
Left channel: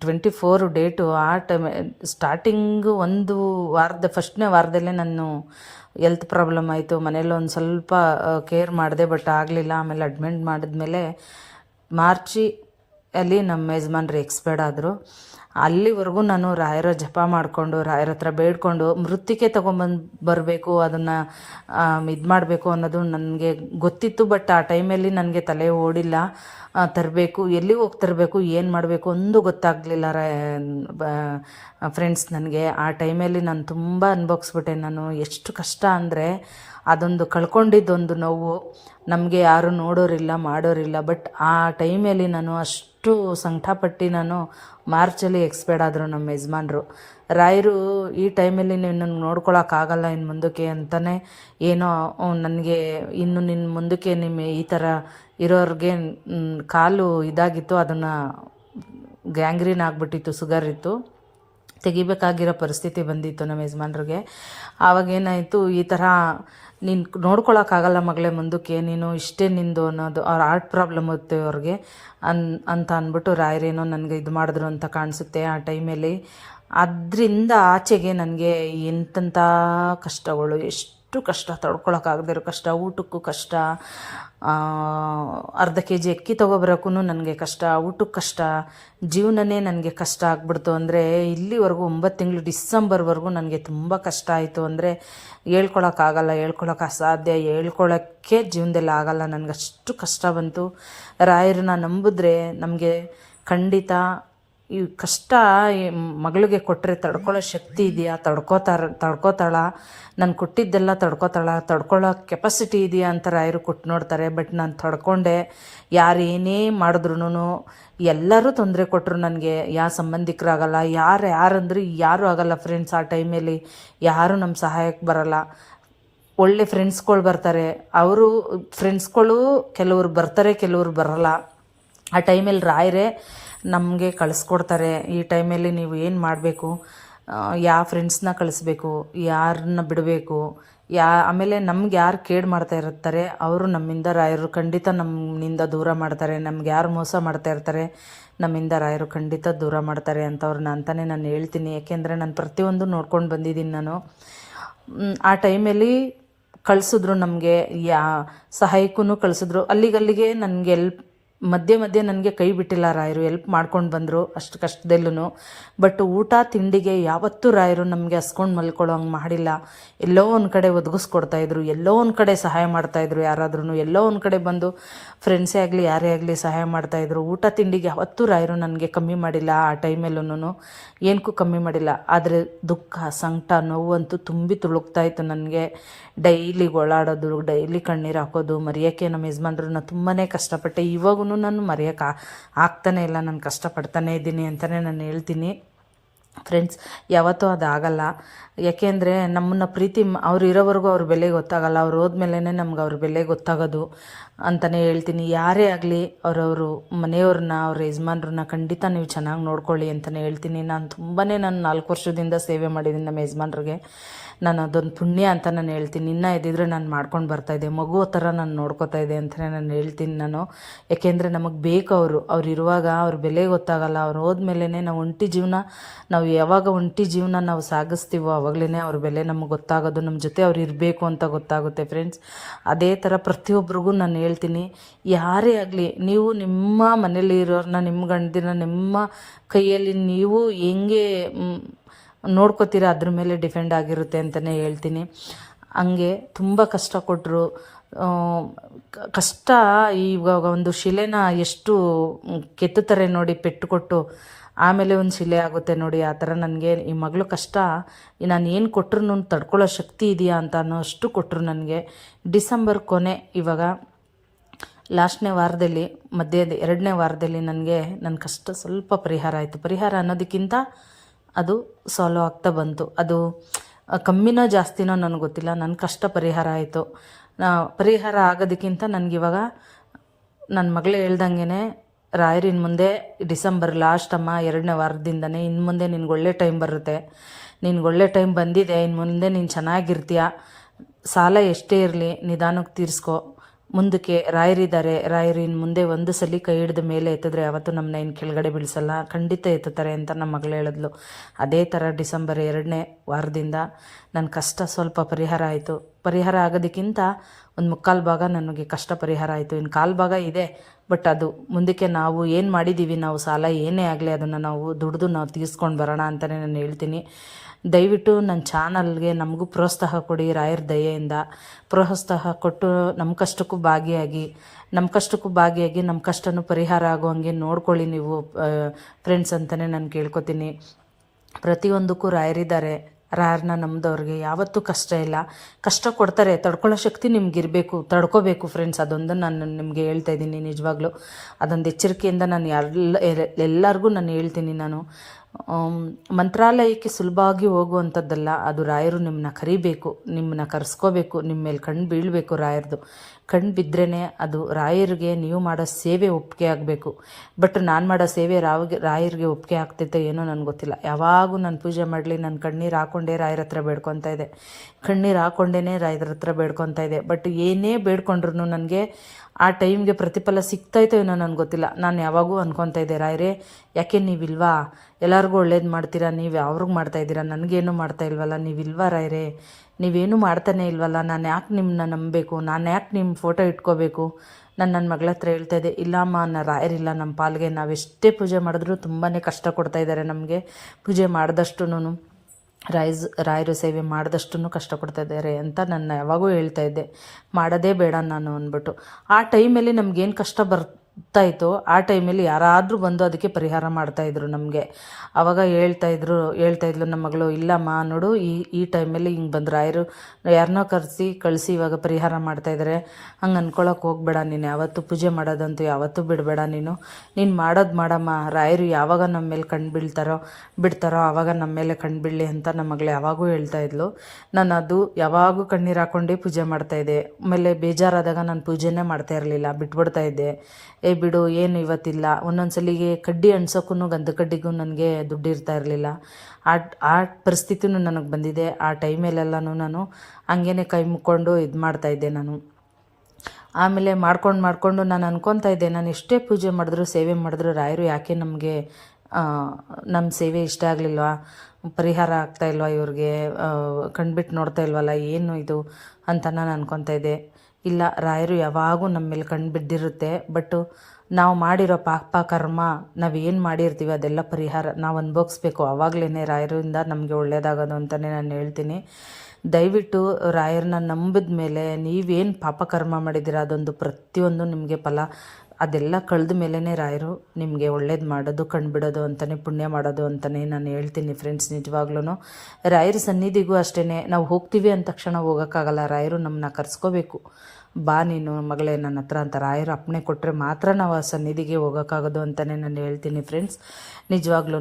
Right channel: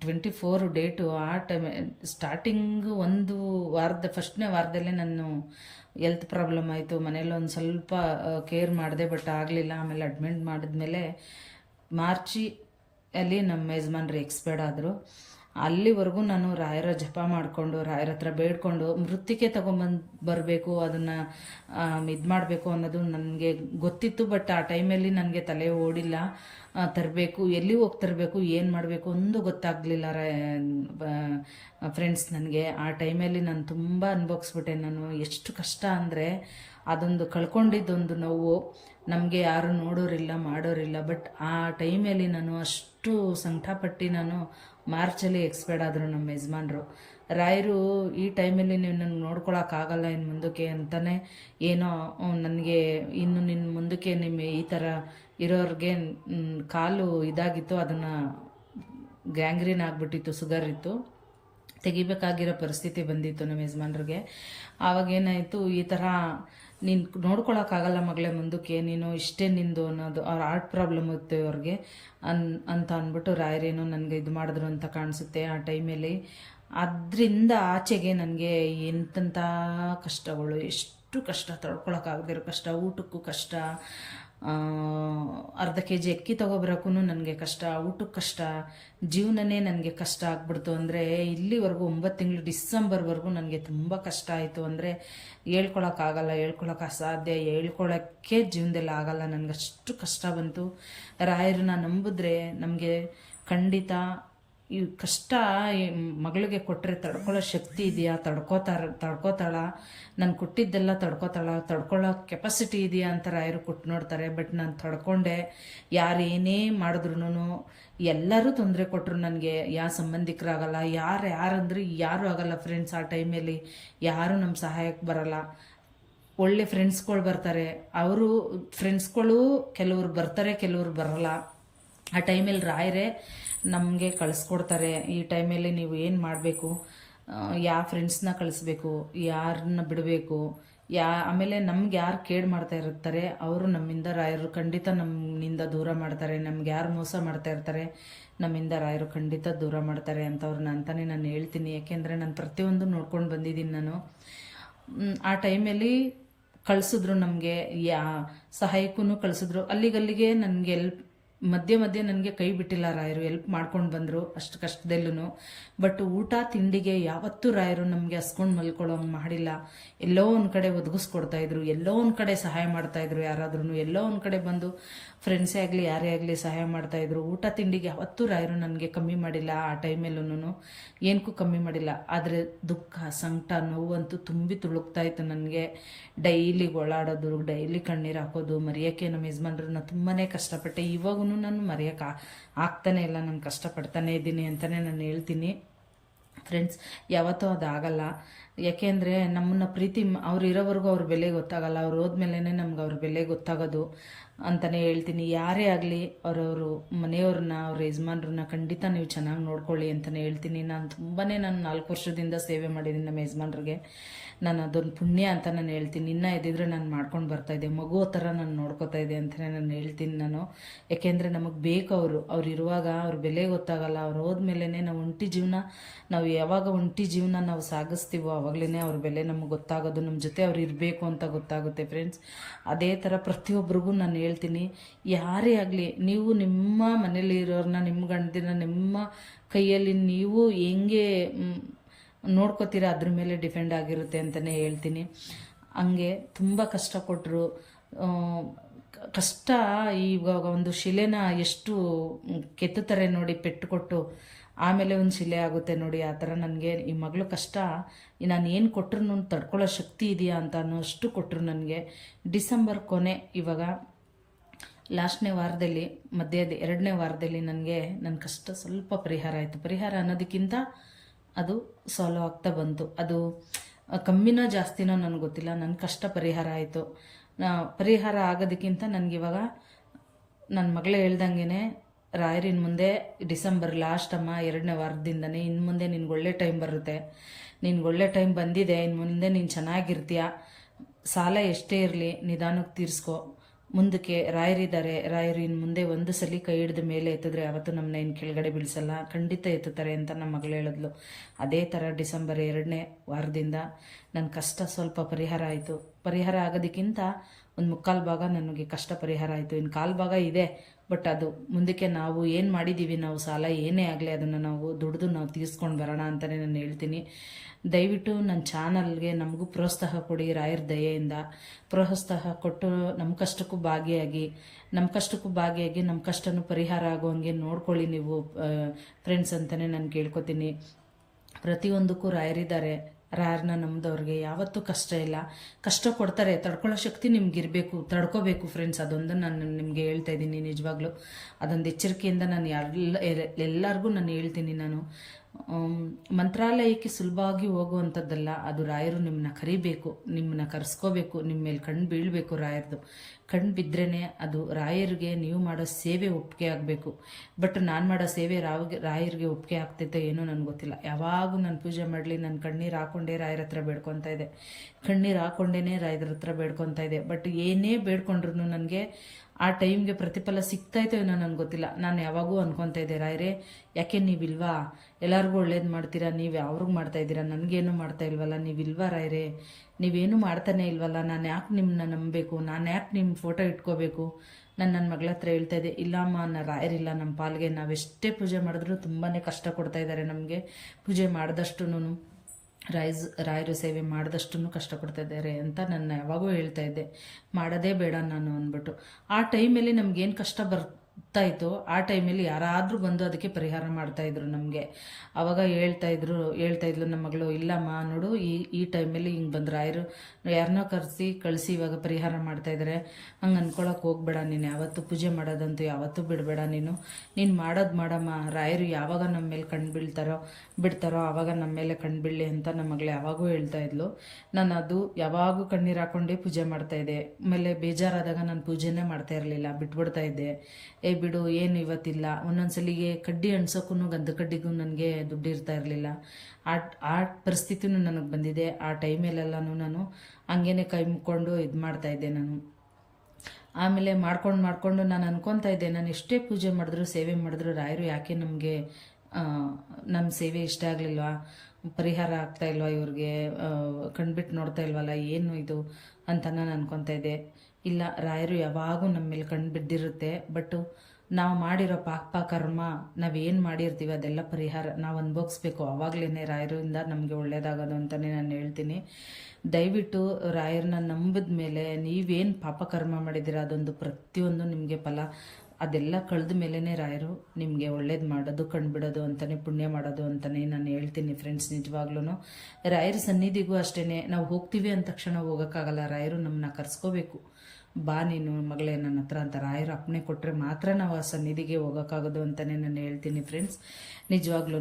24 ಡೇಟು. ಆ ಟೈಮ್ ಸ್ಟಾರ್ಟಿಂಗು ಒಂದು ಫಸ್ಟ್ನೇ ವಾರದಲ್ಲೇ ನಾನು ಹೆಲ್ತ್ ಪ್ರಾಬ್ಲಮ್ ಆಯಿತು. ಮನೇಲಿ ಒಂದು ಸ್ವಲ್ಪ ಕೇರ್ ಮಾಡಿದೆ, ಬಟ್ ಆಗಲಿಲ್ಲ. ಆಮೇಲೆ ಅಡ್ಮಿಂಟ್ ಮಾಡಿದ್ಮೇಲೆ ಮಾರ್ಚಲ್ಲಿ ನಮ್ಮ ಯಜಮಾನ್ರು ಎಕ್ಸ್ಪೈರ್ಡ್ ಆದರು. ಅಲ್ಲಿವರೆಗೂ ನಾನು ರಾಯರ ಜಪ ಮಾಡಿಕೊಂಡು ರಾಯರ ಹತ್ರ ಬೇಡ್ಕೊಂಡು ಮೃತ್ತಿಕೆ ಬರಬೇಕು, ಅದನ್ನು ಇದು ಮಾಡಬೇಕು ಅನ್ನೋದು ನನಗೆ ಗೊತ್ತಿತ್ತು. ಬಟ್ ಆ ಟೈಮಲ್ಲಿ ನನಗೆ ತಲೆ ಓಡಿಲ್ಲ. ತರಬೇಕು, ಎಲ್ಲಿ ಹೋಗಿ ತರಬೇಕು, ಏನು ಮಾಡಬೇಕು ಒಂದು ಗೊತ್ತಾಗಲಿಲ್ಲ ಫ್ರೆಂಡ್ಸ್. ನನಗೆ ಆ ಟೈಮಲ್ಲಿ ನಾನು ತುಂಬ ಅನುಭವಿಸ್ಬಿಟ್ಟೆ. ನಾನು ಎಷ್ಟು ಕಷ್ಟ ಅಂದರೆ, ಅದೊಂದು ಕಳ್ಕೊಂಡಿದ್ದೊಂದು ನೋವು. ನಮಗೆ ಯಾರು ನೋಡೋರಿಲ್ಲ, ಮಾಡೋರಿಲ್ಲ. ಬಟ್ ಆ ಟೈಮಲ್ಲಿ ನಾನು ಅಷ್ಟು ಸಂಕಟಪಟ್ಟು ನಾನು ಮಾರ್ಚಲ್ಲಿ ಎಕ್ಸ್ಪೈರ್ಡ್ ಆದರು ನಮ್ಮ ಯಜಮಾನ್ರು. ರಾಯರು ಈ ಟೈಮಲ್ಲಿ ನೀವು ನನಗೆ ನೋಡ್ಕೊಳಕ್ಕಾಗಲ್ಲ ಇನ್ನು ಮುಂದಕ್ಕೆ ಅಂತಲೇ, ಏನೋ ನನಗೆ ಇನ್ನು ನಿನ್ನ ಮುಂದಕ್ಕೆ ನಿಮ್ಮ ಈ ಥರ ಇರೋರಿಗೆ ಕಾಲು ಇದಾಗಿತ್ತು, ಅದನ್ನು ಗ್ಯಾಂಗ್ರೀನ್ ಆಗಿಬಿಟ್ಟಿತ್ತು, ಶುಗರ್ ಇತ್ತು, ತೆಗಿಬೇಕಾಗಿರೋ ಪರಿಸ್ಥಿತಿ ಬಂದಿತ್ತು ನಮ್ಮ ಯಜಮಾನ್ರಿಗೆ. ಆವಾಗೇನಾಯಿತು, ಈ ಥರ ನೀನು ನೋಡ್ಕೊಳಕ್ಕಾಗಲ್ಲ ಮಗಳೇ ಮುಂದಕ್ಕೆ, ನೀನು ಇಷ್ಟೇ ನಿಂದು ಅನ್ನೋದು, ಅವ್ರ ಹಾರ್ಟ್ ಪ್ರಾಬ್ಲಮ್ ಇತ್ತು ಅವ್ರಿಗೆ ಅಂತ ಅಂದ್ಬಿಟ್ಟು ರಾಯರೇನೋ ನನಗೆ ಇದು ಮಾಡಿದ್ರು ಅಂತ ಕಾಣಿಸುತ್ತೆ ಆ ಟೈಮಲ್ಲಿ. ಅದರಿಂದ ಆಚೆಗೆ ನನಗೆ ಎಂತೆಂಥ ಕಷ್ಟಗಳು, ಎಷ್ಟು ಕಷ್ಟ, ತಡ್ಕೊಳಕ್ಕಾಗದಿರೋ ಕಷ್ಟ, ಊಟಕ್ಕೂ ಕಷ್ಟ, ಅರ್ಧ kg ಅಕ್ಕಿ ತೊಗೊಬರೋಕ್ಕೂ ನನಗೆ ಕಷ್ಟ, ಊಟಕ್ಕೆ ಕಷ್ಟ, ಜೀವನನೇ ನನಗೆ ಕಷ್ಟ ಆಗ್ಬಿಡ್ತು. ಅಂದರೆ ಇಲ್ಲಿವರೆಗೂ 9 ತಿಂಗಳು ಡಿಸೆಂಬರ್ವರೆಗೂ ನನಗೆ ತುಂಬ ಕಷ್ಟ ಆಯಿತು. ಅಂದರೆ ಹೇಳ್ಕೊಳಕ್ಕಾಗಲ್ಲ, ಹೇಳ್ಕೊಳಕ್ಕೆ ಅಸಾಧ್ಯ, ಹೇಳ್ಕೊಳಕ್ಕೆ ಜೀವನದಲ್ಲಿ ಆಗಲ್ಲ. ನನಗಷ್ಟು ಕಷ್ಟ ಬಂತು. ರಾಯರನ್ನ ನಂಬಿದ್ರೆ ನಮಗೆ ಖಂಡಿತ ಈ ಕಷ್ಟ ಮಗಳಿಗೆ ಕೊಟ್ಟರೆ ತಡ್ಕೊಳ್ಳೋ ಶಕ್ತಿ ಇದೆಯಾ, ತಡ್ಕೋತಾಳ, ನಾನು ಕೊಟ್ಟಿದ್ದೆಲ್ಲ ತಡ್ಕೊಳ್ಳೋ ಕೆಪಾಸಿಟಿ ಇದೆಯಾ ಅಂತ ರಾಯರು ಕೊಟ್ಟು ನೋಡ್ತಾರೆ. ಬಟ್ ನಾನು ತಡ್ಕೊಂಡೆ. ಯಾರು ಏನೇ ಮಾಡಿದ್ರು, ಎಲ್ಲರೂ ತೊಂದರೆ ಕೊಟ್ಟರು ನನಗೆ. ಯಾವ ಸಂಬಂಧಿಕರಾಗಲ್ಲ, ಯಾರಂದ್ರೆ ಯಾರೂ ಆಗಲ್ಲ ಫ್ರೆಂಡ್ಸ್. ಆ ಟೈಮಲ್ಲಿ ಯಾರೂ ನಮ್ಮ ಸಹಾಯಕ್ಕೆ ಬರಲ್ಲ. ಒಳ್ಳೆ ಫ್ರೆಂಡ್ಸ್ಗಳು ಬರ್ತಾರೆ, ಅವರು ಫ್ರೆಂಡ್ಸ್ಗಳು ಕೆಲವ್ರು ಬರ್ತಾರೆ, ಕೆಲವ್ರು ಬರಲ್ಲ. ಆ ಟೈಮಲ್ಲಿ ರಾಯರೇ ನಮಗೆ ಕಳಿಸ್ಕೊಡ್ತಾರೆ. ಈ ಟೈಮಲ್ಲಿ ನೀವು ಏನು ಮಾಡಬೇಕು, ಯಾವ ಫ್ರೆಂಡ್ಸ್ನ ಕಳಿಸ್ಬೇಕು, ಯಾರನ್ನ ಬಿಡಬೇಕು, ಆಮೇಲೆ ನಮ್ಗೆ ಯಾರು ಕೇಡು ಮಾಡ್ತಾ ಇರ್ತಾರೆ ಅವರು ನಮ್ಮಿಂದ ರಾಯರು ಖಂಡಿತ ನಮ್ಮಿಂದ ದೂರ ಮಾಡ್ತಾರೆ. ನಮ್ಗೆ ಯಾರು ಮೋಸ ಮಾಡ್ತಾ ಇರ್ತಾರೆ ನಮ್ಮಿಂದ ರಾಯರು ಖಂಡಿತ ದೂರ ಮಾಡ್ತಾರೆ ಅಂತವ್ರನ್ನ ಅಂತಲೇ ನಾನು ಹೇಳ್ತೀನಿ. ಯಾಕೆಂದರೆ ನಾನು ಪ್ರತಿಯೊಂದು ನೋಡ್ಕೊಂಡು ಬಂದಿದ್ದೀನಿ. ನಾನು ಆ ಟೈಮಲ್ಲಿ ಕಳಿಸಿದ್ರು ನಮಗೆ, ಸಹಾಯಕ್ಕೂ ಕಳಿಸಿದ್ರು. ಅಲ್ಲಿಗೆ ನನಗೆ ಮಧ್ಯೆ ನನಗೆ ಕೈ ಬಿಟ್ಟಿಲ್ಲ ರಾಯರು, ಹೆಲ್ಪ್ ಮಾಡ್ಕೊಂಡು ಬಂದರು ಅಷ್ಟು ಕಷ್ಟದಲ್ಲೂ. ಬಟ್ ಊಟ ತಿಂಡಿಗೆ ಯಾವತ್ತೂ ರಾಯರು ನಮಗೆ ಹಸ್ಕೊಂಡು ಮಲ್ಕೊಳ್ಳೋ ಹಂಗೆ ಮಾಡಿಲ್ಲ. ಎಲ್ಲೋ ಒಂದು ಕಡೆ ಒದಗಿಸ್ಕೊಡ್ತಾಯಿದ್ರು, ಎಲ್ಲೋ ಒಂದು ಕಡೆ ಸಹಾಯ ಮಾಡ್ತಾಯಿದ್ರು. ಯಾರಾದ್ರೂ ಎಲ್ಲೋ ಒಂದು ಕಡೆ ಬಂದು ಫ್ರೆಂಡ್ಸೇ ಆಗಲಿ ಯಾರೇ ಆಗಲಿ ಸಹಾಯ ಮಾಡ್ತಾಯಿದ್ರು. ಊಟ ತಿಂಡಿಗೆ ಯಾವತ್ತೂ ರಾಯರು ನನಗೆ ಕಮ್ಮಿ ಮಾಡಿಲ್ಲ. ಆ ಟೈಮಲ್ಲೂ ಏನಕ್ಕೂ ಕಮ್ಮಿ ಮಾಡಿಲ್ಲ. ಆದರೆ ದುಃಖ, ಸಂಕಟ, ನೋವಂತೂ ತುಂಬಿ ತುಳುಕ್ತಾಯಿತ್ತು ನನಗೆ. ಡೈಲಿ ಓಡಾಡೋದು, ಡೈಲಿ ಕಣ್ಣೀರು ಹಾಕೋದು, ಮರೆಯೋಕ್ಕೆ ನಮ್ಮ ಯಜಮಾನ್ರನ್ನ ತುಂಬಾ ಕಷ್ಟಪಟ್ಟೆ. ಇವಾಗೂ ನಾನು ಮರೆಯೋಕ್ಕೆ ಆಗ್ತಾನೇ ಇಲ್ಲ, ನಾನು ಕಷ್ಟಪಡ್ತಾನೇ ಇದ್ದೀನಿ ಅಂತಲೇ ನಾನು ಹೇಳ್ತೀನಿ ಫ್ರೆಂಡ್ಸ್. ಯಾವತ್ತೂ ಅದಾಗಲ್ಲ. ಯಾಕೆಂದರೆ ನಮ್ಮನ್ನು ಪ್ರೀತಿ ಅವ್ರು ಇರೋವರೆಗೂ ಅವ್ರ ಬೆಲೆ ಗೊತ್ತಾಗಲ್ಲ, ಅವ್ರು ಹೋದ್ಮೇಲೆ ನಮ್ಗೆ ಅವ್ರ ಬೆಲೆ ಗೊತ್ತಾಗೋದು ಅಂತಲೇ ಹೇಳ್ತೀನಿ. ಯಾರೇ ಆಗಲಿ ಅವರವರು ಮನೆಯವ್ರನ್ನ, ಅವ್ರ ಯಜಮಾನ್ರನ್ನ ಖಂಡಿತ ನೀವು ಚೆನ್ನಾಗಿ ನೋಡ್ಕೊಳ್ಳಿ ಅಂತಲೇ ಹೇಳ್ತೀನಿ. ನಾನು 4 ವರ್ಷದಿಂದ ಸೇವೆ ಮಾಡಿದ್ದೀನಿ ನಮ್ಮ ಯಜಮಾನ್ರಿಗೆ. ನಾನು ಅದೊಂದು ಪುಣ್ಯ ಅಂತ ನಾನು ಹೇಳ್ತೀನಿ. ಇನ್ನೂ ಇದ್ದಿದ್ರೆ ನಾನು ಮಾಡ್ಕೊಂಡು ಬರ್ತಾಯಿದ್ದೆ, ಮಗು ಥರ ನಾನು ನೋಡ್ಕೋತಾ ಇದ್ದೆ ಅಂತಲೇ ನಾನು ಹೇಳ್ತೀನಿ ನಾನು. ಯಾಕೆಂದರೆ ನಮಗೆ ಬೇಕು ಅವ್ರು ಇರುವಾಗ ಅವ್ರ ಬೆಲೆ ಗೊತ್ತಾಗಲ್ಲ. ಅವ್ರು ಹೋದ್ಮೇಲೆ ನಾವು ಯಾವಾಗ ಒಂಟಿ ಜೀವನ ನಾವು ಸಾಗಿಸ್ತೀವೋ ಆವಾಗಲೇ ಅವ್ರ ಬೆಲೆ ನಮಗೆ ಗೊತ್ತಾಗೋದು, ನಮ್ಮ ಜೊತೆ ಅವ್ರು ಇರಬೇಕು ಅಂತ ಗೊತ್ತಾಗುತ್ತೆ ಫ್ರೆಂಡ್ಸ್. ಅದೇ ಥರ ಪ್ರತಿಯೊಬ್ಬರಿಗೂ ನಾನು ಹೇಳ್ತೀನಿ, ಯಾರೇ ಆಗಲಿ ನೀವು ನಿಮ್ಮ ಮನೇಲಿ ಇರೋರನ್ನ, ನಿಮ್ಮ ಗಂಡನ ನಿಮ್ಮ ಕೈಯಲ್ಲಿ ನೀವು ಹೆಂಗೆ ನೋಡ್ಕೋತೀರ ಅದ್ರ ಮೇಲೆ ಡಿಪೆಂಡ್ ಆಗಿರುತ್ತೆ ಅಂತಲೇ ಹೇಳ್ತೀನಿ. ಹಂಗೆ ತುಂಬ ಕಷ್ಟ ಕೊಟ್ಟರು. ಕಷ್ಟ. ಇವಾಗ ಒಂದು ಶಿಲೆನ ಎಷ್ಟು ಕೆತ್ತುತ್ತಾರೆ ನೋಡಿ, ಪೆಟ್ಟು ಕೊಟ್ಟು ಆಮೇಲೆ ಒಂದು ಶಿಲೆ ಆಗುತ್ತೆ ನೋಡಿ. ಆ ಥರ ನನಗೆ ಈ ಮಗಳು ಕಷ್ಟ ನಾನು ಏನು ಕೊಟ್ಟರು ತಡ್ಕೊಳ್ಳೋ ಶಕ್ತಿ ಇದೆಯಾ ಅಂತ ಅನ್ನೋ ಅಷ್ಟು ಕೊಟ್ಟರು ನನಗೆ. ಡಿಸೆಂಬರ್ ಕೊನೆ ಇವಾಗ ಲಾಸ್ಟ್ನೇ ವಾರದಲ್ಲಿ, ಮಧ್ಯದ 2ನೇ ವಾರದಲ್ಲಿ ನನಗೆ ನನ್ನ ಕಷ್ಟ ಸ್ವಲ್ಪ ಪರಿಹಾರ ಆಯಿತು. ಪರಿಹಾರ ಅನ್ನೋದಕ್ಕಿಂತ ಅದು ಸಾಲ್ವ್ ಆಗ್ತಾ ಬಂತು. ಅದು ಕಮ್ಮಿನೋ ಜಾಸ್ತಿನೋ ನನಗೆ ಗೊತ್ತಿಲ್ಲ, ನನ್ನ ಕಷ್ಟ ಪರಿಹಾರ ಆಯಿತು. ಪರಿಹಾರ ಆಗೋದಕ್ಕಿಂತ ನನಗಿವಾಗ ನನ್ನ ಮಗಳು ಹೇಳ್ದಂಗೆ ರಾಯರಿನ ಮುಂದೆ ಡಿಸೆಂಬರ್ ಲಾಸ್ಟ್ ಅಮ್ಮ 2ನೇ ವಾರದಿಂದನೇ ಇನ್ನು ಮುಂದೆ ನಿನ್ಗೆ ಒಳ್ಳೆ ಟೈಮ್ ಬರುತ್ತೆ, ನಿನ್ಗೆ ಒಳ್ಳೆ ಟೈಮ್ ಬಂದಿದೆ, ಇನ್ನು ಮುಂದೆ ನೀನು ಚೆನ್ನಾಗಿರ್ತೀಯ, ಸಾಲ ಎಷ್ಟೇ ಇರಲಿ ನಿಧಾನಕ್ಕೆ ತೀರಿಸ್ಕೊ, ಮುಂದಕ್ಕೆ ರಾಯರಿದ್ದಾರೆ, ರಾಯರು ಇನ್ನು ಮುಂದೆ ಒಂದು ಸಲ ಕೈ ಹಿಡಿದ ಮೇಲೆ ಎತ್ತಿದ್ರೆ ಯಾವತ್ತೂ ನಮ್ಮನ್ನ ಇನ್ನು ಕೆಳಗಡೆ ಬೀಳಿಸಲ್ಲ, ಖಂಡಿತ ಎತ್ತುತ್ತಾರೆ ಅಂತ ನಮ್ಮ ಮಗಳು ಹೇಳಿದ್ಲು. ಅದೇ ಥರ ಡಿಸೆಂಬರ್ 2ನೇ ವಾರದಿಂದ ನನ್ನ ಕಷ್ಟ ಸ್ವಲ್ಪ ಪರಿಹಾರ ಆಯಿತು. ಪರಿಹಾರ ಆಗೋದಕ್ಕಿಂತ ಒಂದು 3/4 ಭಾಗ ನನಗೆ ಕಷ್ಟ ಪರಿಹಾರ ಆಯಿತು. ಇನ್ನು 1/4 ಭಾಗ ಇದೆ, ಬಟ್ ಅದು ಮುಂದಕ್ಕೆ ನಾವು ಏನು ಮಾಡಿದ್ದೀವಿ, ನಾವು ಸಾಲ ಏನೇ ಆಗಲಿ ಅದನ್ನು ನಾವು ದುಡ್ದು ನಾವು ತೀರಿಸ್ಕೊಂಡು ಬರೋಣ ಅಂತಲೇ ನಾನು ಹೇಳ್ತೀನಿ. ದಯವಿಟ್ಟು ನನ್ನ ಚಾನಲ್ಗೆ ನಮಗೂ ಪ್ರೋತ್ಸಾಹ ಕೊಡಿ, ರಾಯರ ದಯೆಯಿಂದ ಪ್ರೋತ್ಸಾಹ ಕೊಟ್ಟು ನಮ್ಮ ಕಷ್ಟಕ್ಕೂ ಭಾಗಿಯಾಗಿ ನಮ್ಮ ಕಷ್ಟನೂ ಪರಿಹಾರ ಆಗುವಂಗೆ ನೋಡ್ಕೊಳ್ಳಿ ನೀವು ಫ್ರೆಂಡ್ಸ್ ಅಂತಲೇ ನಾನು ಕೇಳ್ಕೊತೀನಿ. ಪ್ರತಿಯೊಂದಕ್ಕೂ ರಾಯರಿದ್ದಾರೆ, ರಾಯರನ್ನ ನಂಬಿದವ್ರಿಗೆ ಯಾವತ್ತೂ ಕಷ್ಟ ಇಲ್ಲ. ಕಷ್ಟ ಕೊಡ್ತಾರೆ, ತಡ್ಕೊಳ್ಳೋ ಶಕ್ತಿ ನಿಮ್ಗಿರಬೇಕು, ತಡ್ಕೋಬೇಕು ಫ್ರೆಂಡ್ಸ್. ಅದೊಂದು ನಾನು ನಿಮಗೆ ಹೇಳ್ತಾ ಇದ್ದೀನಿ. ನಿಜವಾಗ್ಲೂ ಅದೊಂದು ಎಚ್ಚರಿಕೆಯಿಂದ ನಾನು ಎಲ್ಲರಿಗೂ ನಾನು ಹೇಳ್ತೀನಿ. ನಾನು ಮಂತ್ರಾಲಯಕ್ಕೆ ಸುಲಭವಾಗಿ ಹೋಗುವಂಥದ್ದಲ್ಲ, ಅದು ರಾಯರು ನಿಮ್ಮನ್ನ ಕರಿಬೇಕು, ನಿಮ್ಮನ್ನ ಕರೆಸ್ಕೋಬೇಕು, ನಿಮ್ಮ ಮೇಲೆ ಕಣ್ಣು ಬೀಳಬೇಕು. ರಾಯರದು ಕಣ್ಣು ಬಿದ್ರೇ ಅದು ರಾಯರಿಗೆ ನೀವು ಮಾಡೋ ಸೇವೆ ಒಪ್ಪಿಗೆ ಆಗಬೇಕು. ಬಟ್ ನಾನು ಮಾಡೋ ಸೇವೆ ರಾಯರಿಗೆ ಒಪ್ಪಿಗೆ ಆಗ್ತೈತೆ ಏನೋ ನನಗೆ ಗೊತ್ತಿಲ್ಲ. ಯಾವಾಗೂ ನಾನು ಪೂಜೆ ಮಾಡಲಿ ನಾನು ಕಣ್ಣೀರು ಹಾಕ್ಕೊಂಡೇ ರಾಯರ ಹತ್ರ ಬೇಡ್ಕೊತಾ ಇದೆ, ಕಣ್ಣೀರು ಹಾಕ್ಕೊಂಡೇ ರಾಯರ ಹತ್ರ ಬೇಡ್ಕೊತಾ ಇದೆ. ಬಟ್ ಏನೇ ಬೇಡ್ಕೊಂಡ್ರು ನನಗೆ ಆ ಟೈಮ್ಗೆ ಪ್ರತಿಫಲ ಸಿಗ್ತಾಯಿತ್ತೋ ಏನೋ ನನಗೆ ಗೊತ್ತಿಲ್ಲ. ನಾನು ಯಾವಾಗೂ ಅನ್ಕೊತಾ ಇದ್ದೆ, ರಾಯರೇ ಯಾಕೆ ನೀವಿಲ್ವಾ, ಎಲ್ಲರಿಗೂ ಒಳ್ಳೇದು ಮಾಡ್ತೀರಾ, ನೀವು ಅವ್ರಿಗೆ ಮಾಡ್ತಾಯಿದ್ದೀರಾ, ನನಗೇನು ಮಾಡ್ತಾ ಇಲ್ವಲ್ಲ, ನೀವಿಲ್ವಾ ರಾಯರೇ, ನೀವೇನು ಮಾಡ್ತಾನೆ ಇಲ್ವಲ್ಲ, ನಾನು ಯಾಕೆ ನಿಮ್ಮನ್ನ ನಂಬಬೇಕು, ನಾನು ಯಾಕೆ ನಿಮ್ಮ ಫೋಟೋ ಇಟ್ಕೋಬೇಕು. ನನ್ನ ಮಗಳ ಹತ್ರ ಹೇಳ್ತಾ ಇದ್ದೆ, ಇಲ್ಲಮ್ಮ ರಾಯರಿಲ್ಲ ನಮ್ಮ ಪಾಲ್ಗೆ, ನಾವೆಷ್ಟೇ ಪೂಜೆ ಮಾಡಿದ್ರೂ ತುಂಬಾ ಕಷ್ಟ ಕೊಡ್ತಾ ಇದ್ದಾರೆ ನಮಗೆ, ಪೂಜೆ ಮಾಡಿದಷ್ಟು ರಾಯರು ಸೇವೆ ಮಾಡಿದಷ್ಟು ಕಷ್ಟ ಕೊಡ್ತಾ ಇದ್ದಾರೆ ಅಂತ ನಾನು ಯಾವಾಗೂ ಹೇಳ್ತಾ ಇದ್ದೆ. ಮಾಡೋದೇ ಬೇಡ ನಾನು ಅಂದ್ಬಿಟ್ಟು. ಆ ಟೈಮಲ್ಲಿ ನಮಗೇನು ಕಷ್ಟ ಬರ್ತಾಯಿತ್ತು, ಆ ಟೈಮಲ್ಲಿ ಯಾರಾದರೂ ಬಂದು ಅದಕ್ಕೆ ಪರಿಹಾರ ಮಾಡ್ತಾಯಿದ್ರು ನಮಗೆ. ಆವಾಗ ಹೇಳ್ತಾಯಿದ್ಲು ನಮ್ಮ ಮಗಳು, ಇಲ್ಲಮ್ಮ ನೋಡು ಈ ಟೈಮಲ್ಲಿ ಹಿಂಗೆ ಬಂದು ರಾಯರು ಯಾರನ್ನೋ ಕಳಿಸಿ ಇವಾಗ ಪರಿಹಾರ ಮಾಡ್ತಾಯಿದ್ದಾರೆ, ಹಂಗೆ ಅಂದ್ಕೊಳಕ್ಕೆ ಹೋಗ್ಬೇಡ, ನೀನು ಯಾವತ್ತೂ ಪೂಜೆ ಮಾಡೋದಂತೂ ಯಾವತ್ತೂ ಬಿಡಬೇಡ, ನೀನು ಮಾಡೋದು ಮಾಡಮ್ಮ, ರಾಯರು ಯಾವಾಗ ನಮ್ಮ ಮೇಲೆ ಕಣ್ಣು ಬಿಡ್ತಾರೋ ಆವಾಗ ನಮ್ಮ ಮೇಲೆ ಕಣ್ಣು ಬೀಳಲಿ ಅಂತ ನಮ್ಮ ಮಗಳು ಯಾವಾಗೂ ಹೇಳ್ತಾಯಿದ್ಲು. ನಾನು ಅದು ಯಾವಾಗೂ ಕಣ್ಣೀರು ಹಾಕ್ಕೊಂಡೇ ಪೂಜೆ ಮಾಡ್ತಾಯಿದ್ದೆ. ಆಮೇಲೆ ಬೇಜಾರಾದಾಗ ನಾನು ಪೂಜೆನೇ ಮಾಡ್ತಾ ಇರಲಿಲ್ಲ, ಬಿಟ್ಬಿಡ್ತಾ ಇದ್ದೆ. ಬಿಡು ಏನು ಇವತ್ತಿಲ್ಲ. ಒಂದೊಂದ್ಸಲಿಗೆ ಕಡ್ಡಿ ಅಣ್ಸೋಕ್ಕೂ ಗಂಧ ಕಡ್ಡಿಗೂ ನನಗೆ ದುಡ್ಡು ಇರ್ತಾ ಇರಲಿಲ್ಲ. ಆ ಪರಿಸ್ಥಿತಿನೂ ನನಗೆ ಬಂದಿದೆ. ಆ ಟೈಮಲ್ಲೆಲ್ಲನೂ ನಾನು ಹಂಗೇ ಕೈ ಮುಕ್ಕೊಂಡು ಇದು ಮಾಡ್ತಾಯಿದ್ದೆ ನಾನು. ಆಮೇಲೆ ಮಾಡ್ಕೊಂಡು ನಾನು ಅನ್ಕೊತಾ ಇದ್ದೆ, ನಾನು ಎಷ್ಟೇ ಪೂಜೆ ಮಾಡಿದ್ರು ಸೇವೆ ಮಾಡಿದ್ರು ರಾಯರು ಯಾಕೆ ನಮಗೆ ನಮ್ಮ ಸೇವೆ ಇಷ್ಟ ಆಗಲಿಲ್ವಾ, ಪರಿಹಾರ ಆಗ್ತಾಯಿಲ್ವಾ, ಇವ್ರಿಗೆ ಕಣ್ಬಿಟ್ಟು ನೋಡ್ತಾ ಇಲ್ವಲ್ಲ, ಏನು ಇದು ಅಂತ ನಾನು ಅನ್ಕೊತಾ ಇದ್ದೆ. ಇಲ್ಲ, ರಾಯರು ಯಾವಾಗೂ ನಮ್ಮ ಮೇಲೆ ಕಣ್ಣು ಬಿದ್ದಿರುತ್ತೆ. ಬಟ್ಟು ನಾವು ಮಾಡಿರೋ ಪಾಪ ಕರ್ಮ ನಾವೇನು ಮಾಡಿರ್ತೀವಿ ಅದೆಲ್ಲ ಪರಿಹಾರ ನಾವು ಅನುಭವಿಸ್ಬೇಕು. ಆವಾಗಲೇ ರಾಯರಿಂದ ನಮಗೆ ಒಳ್ಳೆಯದಾಗೋದು ಅಂತಲೇ ನಾನು ಹೇಳ್ತೀನಿ. ದಯವಿಟ್ಟು ರಾಯರನ್ನ ನಂಬಿದ ಮೇಲೆ ನೀವೇನು ಪಾಪ ಕರ್ಮ ಮಾಡಿದ್ದೀರ ಅದೊಂದು ಪ್ರತಿಯೊಂದು ನಿಮಗೆ ಫಲ ಅದೆಲ್ಲ ಕಳೆದ ಮೇಲೇ ರಾಯರು ನಿಮಗೆ ಒಳ್ಳೇದು ಮಾಡೋದು, ಕಣ್ಬಿಡೋದು ಅಂತಲೇ, ಪುಣ್ಯ ಮಾಡೋದು ಅಂತಲೇ ನಾನು ಹೇಳ್ತೀನಿ ಫ್ರೆಂಡ್ಸ್. ನಿಜವಾಗ್ಲೂ ರಾಯರ ಸನ್ನಿಧಿಗೂ ಅಷ್ಟೇ, ನಾವು ಹೋಗ್ತೀವಿ ಅಂದ ತಕ್ಷಣ ಹೋಗೋಕ್ಕಾಗಲ್ಲ, ರಾಯರು ನಮ್ಮನ್ನ ಕರೆಸ್ಕೋಬೇಕು. ಬಾ ನೀನು ಮಗಳೇ ನನ್ನ ಹತ್ರ ಅಂತ ರಾಯರು ಅಪ್ಪಣೆ ಕೊಟ್ಟರೆ ಮಾತ್ರ ನಾವು ಆ ಸನ್ನಿಧಿಗೆ ಹೋಗೋಕ್ಕಾಗೋದು ಅಂತಲೇ ನಾನು ಹೇಳ್ತೀನಿ ಫ್ರೆಂಡ್ಸ್. ನಿಜವಾಗ್ಲೂ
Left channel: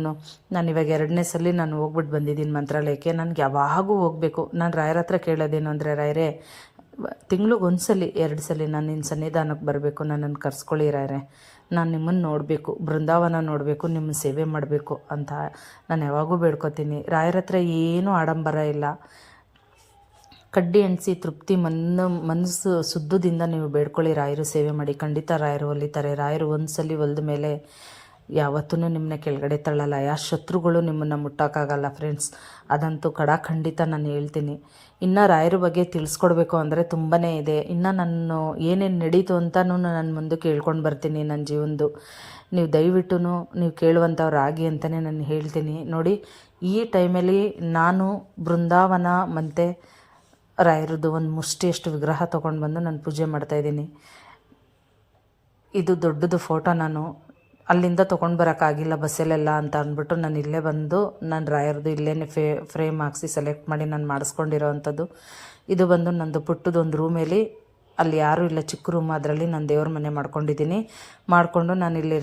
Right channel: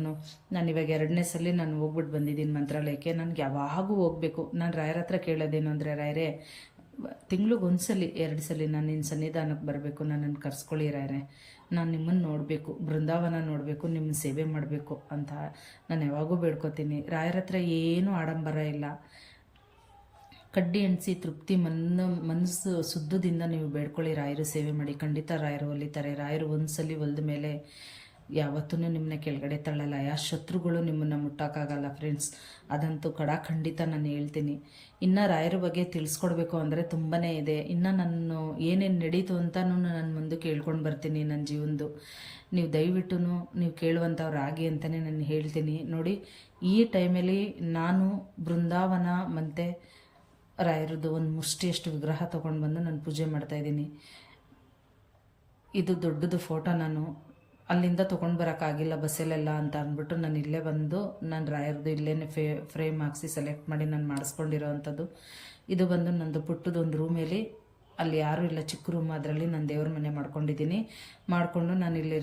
ನಾನು ಇವಾಗ 2ನೇ ಸಲ ನಾನು ಹೋಗ್ಬಿಟ್ಟು ಬಂದಿದ್ದೀನಿ ಮಂತ್ರಾಲಯಕ್ಕೆ. ನನಗೆ ಯಾವಾಗೂ ಹೋಗಬೇಕು. ನಾನು ರಾಯರ ಹತ್ರ ಕೇಳೋದೇನು ಅಂದರೆ, ರಾಯರೇ ತಿಂಗ್ಳಿಗೆ 1 ಸಲ 2 ಸಲ ನಾನು ನಿನ್ನ ಸನ್ನಿಧಾನಕ್ಕೆ ಬರಬೇಕು, ನನ್ನನ್ನು ಕರ್ಸ್ಕೊಳ್ಳಿ ರಾಯರೇ, ನಾನು ನಿಮ್ಮನ್ನು ನೋಡಬೇಕು, ಬೃಂದಾವನ ನೋಡಬೇಕು, ನಿಮ್ಮ ಸೇವೆ ಮಾಡಬೇಕು ಅಂತ ನಾನು ಯಾವಾಗೂ ಬೇಡ್ಕೊತೀನಿ. ರಾಯರ ಹತ್ರ ಏನೂ ಆಡಂಬರ ಇಲ್ಲ. ಕಡ್ಡಿ ಎಣಿಸಿ ತೃಪ್ತಿ ಮನಸ್ಸು ಶುದ್ಧದಿಂದ ನೀವು ಬೇಡ್ಕೊಳ್ಳಿ, ರಾಯರು ಸೇವೆ ಮಾಡಿ, ಖಂಡಿತ ರಾಯರು ಒಲಿತಾರೆ. ರಾಯರು ಒಂದು ಸಲ ಒಲಿದ ಮೇಲೆ ಯಾವತ್ತೂ ನಿಮ್ಮನ್ನ ಕೆಳಗಡೆ ತಳ್ಳಲ್ಲ. ಯಾವ ಶತ್ರುಗಳು ನಿಮ್ಮನ್ನು ಮುಟ್ಟೋಕ್ಕಾಗಲ್ಲ ಫ್ರೆಂಡ್ಸ್, ಅದಂತೂ ಖಂಡಿತ ನಾನು ಹೇಳ್ತೀನಿ. ಇನ್ನು ರಾಯರ ಬಗ್ಗೆ ತಿಳಿಸ್ಕೊಡ್ಬೇಕು ಅಂದರೆ ತುಂಬಾ ಇದೆ. ಇನ್ನು ನಾನು ಏನೇನು ನಡೀತು ಅಂತಲೂ ನಾನು ಮುಂದಕ್ಕೆ ಹೇಳ್ಕೊಂಡು ಬರ್ತೀನಿ ನನ್ನ ಜೀವನದ್ದು. ನೀವು ದಯವಿಟ್ಟು ನೀವು ಕೇಳುವಂಥವ್ರು ಆಗಿ ಅಂತಲೇ ನಾನು ಹೇಳ್ತೀನಿ. ನೋಡಿ, ಈ ಟೈಮಲ್ಲಿ ನಾನು ಬೃಂದಾವನ ಮತ್ತು ರಾಯರದ್ದು ಒಂದು ಮುಷ್ಟಿಯಷ್ಟು ವಿಗ್ರಹ ತೊಗೊಂಡು ಬಂದು ನಾನು ಪೂಜೆ ಮಾಡ್ತಾಯಿದ್ದೀನಿ. ಇದು ದೊಡ್ಡದು ಫೋಟೋ. ನಾನು ಅಲ್ಲಿಂದ ತೊಗೊಂಡು ಬರೋಕ್ಕಾಗಿಲ್ಲ ಬಸ್ಸಲ್ಲೆಲ್ಲ ಅಂತ ಅಂದ್ಬಿಟ್ಟು ನಾನು ಇಲ್ಲೇ ಬಂದು ನಾನು ರಾಯರದು ಇಲ್ಲೇ ಫ್ರೇಮ್ ಹಾಕ್ಸಿ ಸೆಲೆಕ್ಟ್ ಮಾಡಿ ನಾನು ಮಾಡಿಸ್ಕೊಂಡಿರೋ ಅಂಥದ್ದು. ಇದು ಬಂದು ನಂದು ಪುಟ್ಟದೊಂದು ರೂಮಲ್ಲಿ, ಅಲ್ಲಿ ಯಾರೂ ಇಲ್ಲ, ಚಿಕ್ಕ ರೂಮ್, ಅದರಲ್ಲಿ ನಾನು ದೇವ್ರ ಮನೆ ಮಾಡ್ಕೊಂಡಿದ್ದೀನಿ. ಮಾಡಿಕೊಂಡು ನಾನು ಇಲ್ಲಿ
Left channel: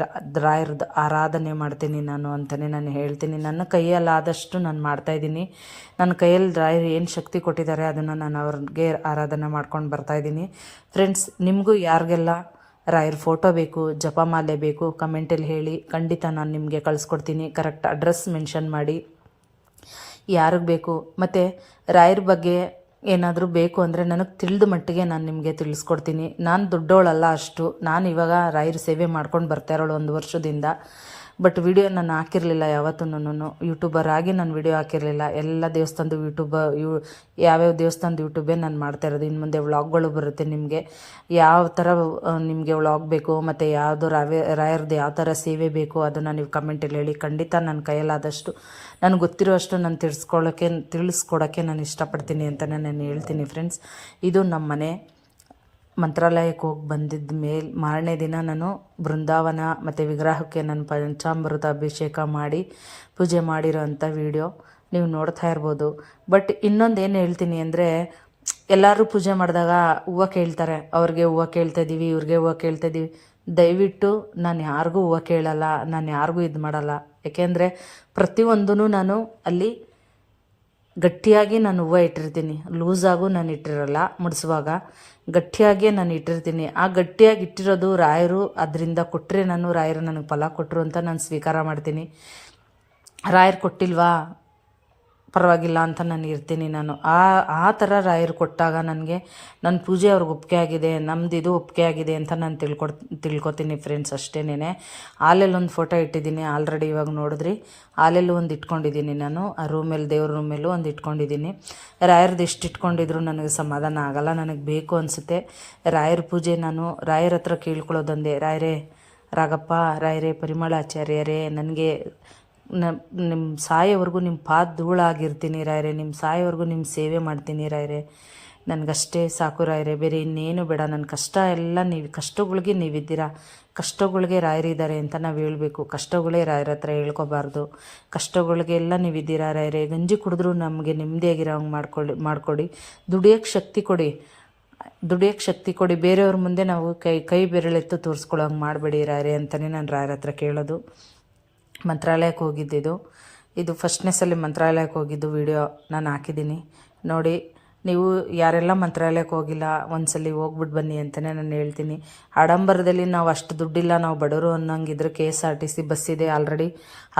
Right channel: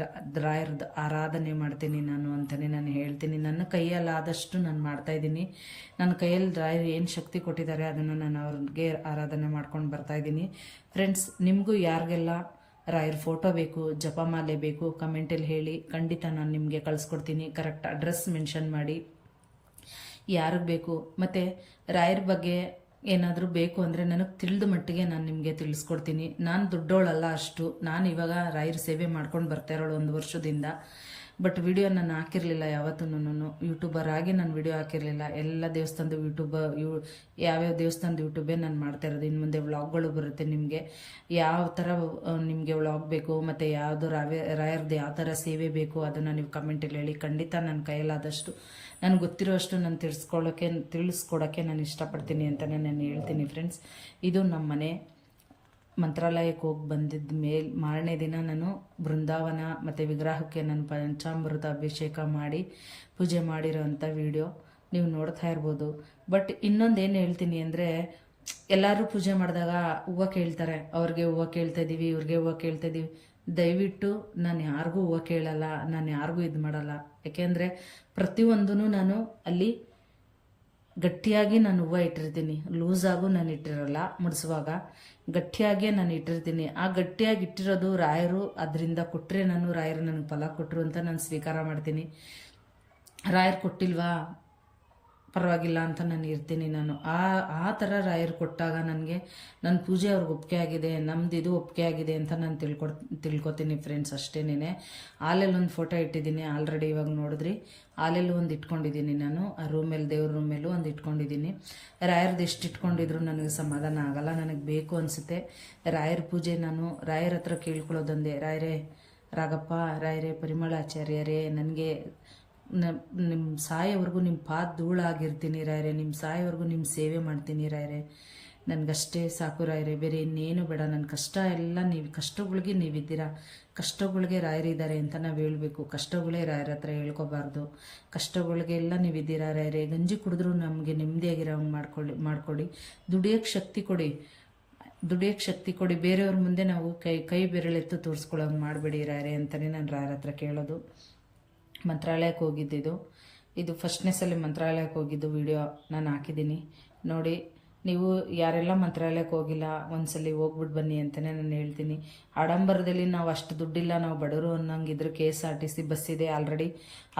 ರಾಯರದ್ದು ಆರಾಧನೆ ಮಾಡ್ತೀನಿ ನಾನು ಅಂತಲೇ ನಾನು ಹೇಳ್ತೀನಿ. ನನ್ನ ಕೈಯಲ್ಲಾದಷ್ಟು ನಾನು ಮಾಡ್ತಾಯಿದ್ದೀನಿ. ನನ್ನ ಕೈಯಲ್ಲಿ ರಾಯರು ಏನು ಶಕ್ತಿ ಕೊಟ್ಟಿದ್ದಾರೆ ಅದನ್ನು ನಾನು ಅವ್ರಿಗೆ ಆರಾಧನೆ ಮಾಡ್ಕೊಂಡು ಬರ್ತಾಯಿದ್ದೀನಿ. ಫ್ರೆಂಡ್ಸ್, ನಿಮಗೂ ಯಾರಿಗೆಲ್ಲ ರಾಯರ ಫೋಟೋ ಬೇಕು, ಜಪಮಾಲೆ ಬೇಕು, ಕಮೆಂಟಲ್ಲಿ ಹೇಳಿ. ಖಂಡಿತ ನಾನು ನಿಮಗೆ ಕಳಿಸ್ಕೊಡ್ತೀನಿ. ಕರೆಕ್ಟ್ ಅಡ್ರೆಸ್ ಮೆನ್ಷನ್ ಮಾಡಿ ಯಾರಿಗೆ ಬೇಕು. ಮತ್ತು ರಾಯರ ಬಗ್ಗೆ ಏನಾದರೂ ಬೇಕು ಅಂದರೆ ನನಗೆ ತಿಳಿದ ಮಟ್ಟಿಗೆ ನಾನು ನಿಮಗೆ ತಿಳಿಸ್ಕೊಡ್ತೀನಿ. ನಾನು ದೊಡ್ಡವಳಲ್ಲ ಅಷ್ಟು. ನಾನು ಇವಾಗ ರಾಯರ ಸೇವೆ ಮಾಡ್ಕೊಂಡು ಬರ್ತಾ ಇರೋಳು 1 ವರ್ಷದಿಂದ. ಬಟ್ ವಿಡಿಯೋ ನಾನು ಹಾಕಿರಲಿಲ್ಲ ಯಾವತ್ತೂ. ಯೂಟ್ಯೂಬರ್ ಆಗಿ ನಾನು ವಿಡಿಯೋ ಹಾಕಿರಲಿಲ್ಲ. ಎಲ್ಲ ದೇವಸ್ಥಾನದ ಯಾವ್ಯಾವ ದೇವಸ್ಥಾನದ ಯೂಟ್ಯೂಬೇ ನಾನು ಮಾಡ್ತಾ ಇರೋದು. ಇನ್ನು ಮುಂದೆ ವ್ಲಾಗ್ಗಳು ಬರುತ್ತೆ. ನಿಮಗೆ ಯಾವ ಥರ ನಿಮಗೆ ವ್ಲಾಗ್ ಬೇಕು ಮತ್ತು ಯಾವುದು ರಾಯರದ್ದು ಯಾವ ಥರ ಸೇವೆ ಬೇಕು ಅದನ್ನು ನೀವು ಕಮೆಂಟಲ್ಲಿ ಹೇಳಿ. ಖಂಡಿತ ನನ್ನ ಕೈಯಲ್ಲಾದಷ್ಟು ನನಗೆ ಗೊತ್ತಿರೋ ಅಷ್ಟು ನಾನು ತಿಳಿಸ್ಕೊಡೋಕ್ಕೆ ನಾನು ಇಷ್ಟಪಡ್ತೀನಿ ಅಂತಲೇ ನಾನು ಹೇಳ್ತೀನಿ. ಫ್ರೆಂಡ್ಸ್, ಇದು ನಮ್ಮ ಮನೆ. ಮಂತ್ರಾಲಯಕ್ಕೆ ಹೋಗಿ ಬಂದಿದ್ದ ಮಾರನೇ ದಿನ ನಾನು ಬೃಂದಾವನ ಮತ್ತು ವಿಗ್ರಹಕ್ಕೆ ನಾನು ಪಂಚಾಮೃತ ಅಭಿಷೇಕ ಮಾಡಿ ಪೂಜೆ ಮಾಡಿರೋ ಅಂಥ ವಿಡಿಯೋ ನೀವು ನೋಡ್ತಾ ಇರ್ಬೋದು. ಬಟ್ ಇನ್ನೊಂದು ಏನು ಹೇಳ್ತೀನಿ ಅಂದರೆ, ಎಲ್ಲರೂ ಪೂಜೆ ಮಾಡಿದಾಗ ಹೂವು ಕೇಳ್ತಾರೆ. ಅವ್ರಿಗೆ ಹೂವು ಕೇಳ್ತಾಯಿದ್ದೀವಿ, ಇವ್ರಿಗೆ ಹೂವು ಕೇಳ್ತಾಯಿದ್ದೀವಿ. ದಯವಿಟ್ಟು ನಾನು ಯಾರಿಗೂ ಹೂವು ಕೇಳಲ್ಲ, ನಾನು ಯಾರಿಗೂ ಇದು ಮಾಡಲ್ಲ. ಏಕೆಂದರೆ ಪ್ರತಿಯೊಂದೂ ನಾನು ಅಲ್ಲಿ ಗಟ್ಟಿಯಾಗಿ ನಾನು ಹೂವು ಇಟ್ಟಿರ್ತೀನಿ. ಲೂಸಾಗೂ ನಾನು ಇಟ್ಟಿರಲ್ಲ. ಮುಡಿಸುವಾಗ ಗಟ್ಟಿಯಾಗಿಯೇ ನಾನು ಇಟ್ಟಿರ್ತೀನಿ. ಆ ಗಟ್ಟಿಯಾಗಿ ಇಟ್ಟಿರೋದು ರಾಯರು ಅದರಿಂದ ಕೊಟ್ಟರೆ ರಾಯರು ನನಗೆ ಫಲ ಕೊಟ್ಟರು ಅಂತ ನಾನು ಸ್ವೀಕಾರ ಮಾಡ್ತೀನಿ. ರಾಯರು ಕೊಟ್ಟಿಲ್ವಾ ಪರವಾಗಿಲ್ಲ ಅಂತ ನಾನು ಇರ್ತೀನಿ. ನಾನು ಆ ಥರ ರಾಯರು ಕೊಟ್ಟಾಗ ನನಗೆ ನನ್ನ ಪೂಜೆ ಅವ್ರಿಗೆ ಒಪ್ಪಿಗೆ ಆಗಿದೆ, ನಮ್ಮದು ಇದು ಒಪ್ಪಿಗೆ ಆಗಿದೆ ಅಂತ ನಾನು ತಿಳ್ಕೊತೀನಿ. ಫ್ರೆಂಡ್ಸ್, ಅಷ್ಟೇನೆ. ಹಾಲೆಲ್ಲಿ ಒಂದು ಫೋಟೋ ಇಟ್ಟಿದ್ದೀನಿ ಆಲ್ರೆಡಿ. ಇವಾಗ ನೋಡಿದ್ರಿ, ಹಾಲೆಲ್ಲೂ ಒಂದು ಇಟ್ಕೊಂಡಿದ್ದೀನಿ ನಾನು. ಆ ರೂಮಲ್ಲಿ, ದೇವ್ರ ರೂಮಲ್ಲೂ ಒಂದು ಇಟ್ಕೊಂಡಿದ್ದೀನಿ. ರಾಯರದ್ದು ಎಷ್ಟು ಇಟ್ಕೊಂಡಿದ್ರು ನನಗೆ ಸಮಾಧಾನ ಆಗಲ್ಲ. ನನಗೆ ಬೇಕು ಅನಿಸುತ್ತೆ ರಾಯರ ಪೂಜೆ. ನಾನು ರಾಯರ ಹತ್ರ ಕೇಳ್ಕೊಳ್ಳೋದಂದೆ, ರಾಯರೇ ರಾಗಪ್ಪ, ರಾಯರೇ ಪರಿಮಳಾಚಾರ್ಯರೇ, ನನಗೆ ನಿಮ್ಮ ಸಾಯೋವರೆಗೂ ನಿಮ್ಮ ಪಾದ ಧೂಳಾಗಿರ್ತೀನಿ ರಾಯರೇ. ನಿಮ್ಮ ಸಾಯೋವರೆಗೂ ನಿಮ್ಮ ಸೇವೆ ಮಾಡ್ತೀನಿ ರಾಯರೇ. ನನಗಷ್ಟೇ ಸಾಕು ರಾಯರೇ, ಬೇರೆ ಇನ್ನೇನು ಬೇಡ. ನನ್ನ ಕಷ್ಟ ಎಲ್ಲ ಕಷ್ಟಗಳಿಗೆ ನೀವಿದ್ದೀರಾ. ಕಷ್ಟಗಳಿಗೆ ರಾಯರಿದ್ದಾರೆ ಅಂತ ನಾವು ಹೇಳಬೇಕು. ಕಷ್ಟಗಳೇ ರಾಯರ ಹತ್ರ ಹೇಳ್ಕೊಬಾರ್ದು. ಕಷ್ಟಗಳಿಗೆಲ್ಲ ನೀವಿದ್ದೀರಾ ರಾಯರೇ. ಗಂಜಿ ಕುಡಿದ್ರೂ ನಮಗೆ ನೆಮ್ಮದಿಯಾಗಿರೋ ಹಂಗೆ ಮಾಡಿಕೊಡಿ. ದುಡಿಯೋಕ್ಕೆ ಶಕ್ತಿ ಕೊಡಿ. ಬೇರೆಯವ್ರ ಮುಂದೆ ನಾವು ಕೈ ಬೆರಳೆತ್ತು ತೋರಿಸ್ಕೊಳ್ಳೋ ಹಂಗೆ ಮಾಡಬೇಡಿ ರಾಯರೇ ಅಂತಲೇ ನಾನು ರಾಯರ ಹತ್ರ ಕೇಳೋದು. ಮಂತ್ರಾಲಯಕ್ಕೆ ಹೋಗಿದ್ದಿದ್ದು ಇದು ಫಸ್ಟ್ನೇ ಸಲ ಮಂತ್ರಾಲಯಕ್ಕೆ ಹೋಗಿದ್ದು ವಿಡಿಯೋ ನಾನು ಹಾಕಿದ್ದೀನಿ ನೋಡಿ. ನೀವು ಯಾರೆಲ್ಲ ಮಂತ್ರಾಲಯಕ್ಕೆ ಹೋಗಿಲ್ಲ ಒಂದ್ಸಲಿ ಹೋಗ್ಬಿಟ್ಟು ಬನ್ನಿ ಅಂತಲೇ ನಾನು ಹೇಳ್ತೀನಿ. ಆಡಂಬರದಲ್ಲಿ ನಾವು ಅಷ್ಟು ದುಡ್ಡಿಲ್ಲ, ನಾವು ಬಡವರು ಅನ್ನೋಂಗಿದ್ರೆ KSRTC ಬಸ್ ಇದೆ ಆಲ್ರೆಡಿ,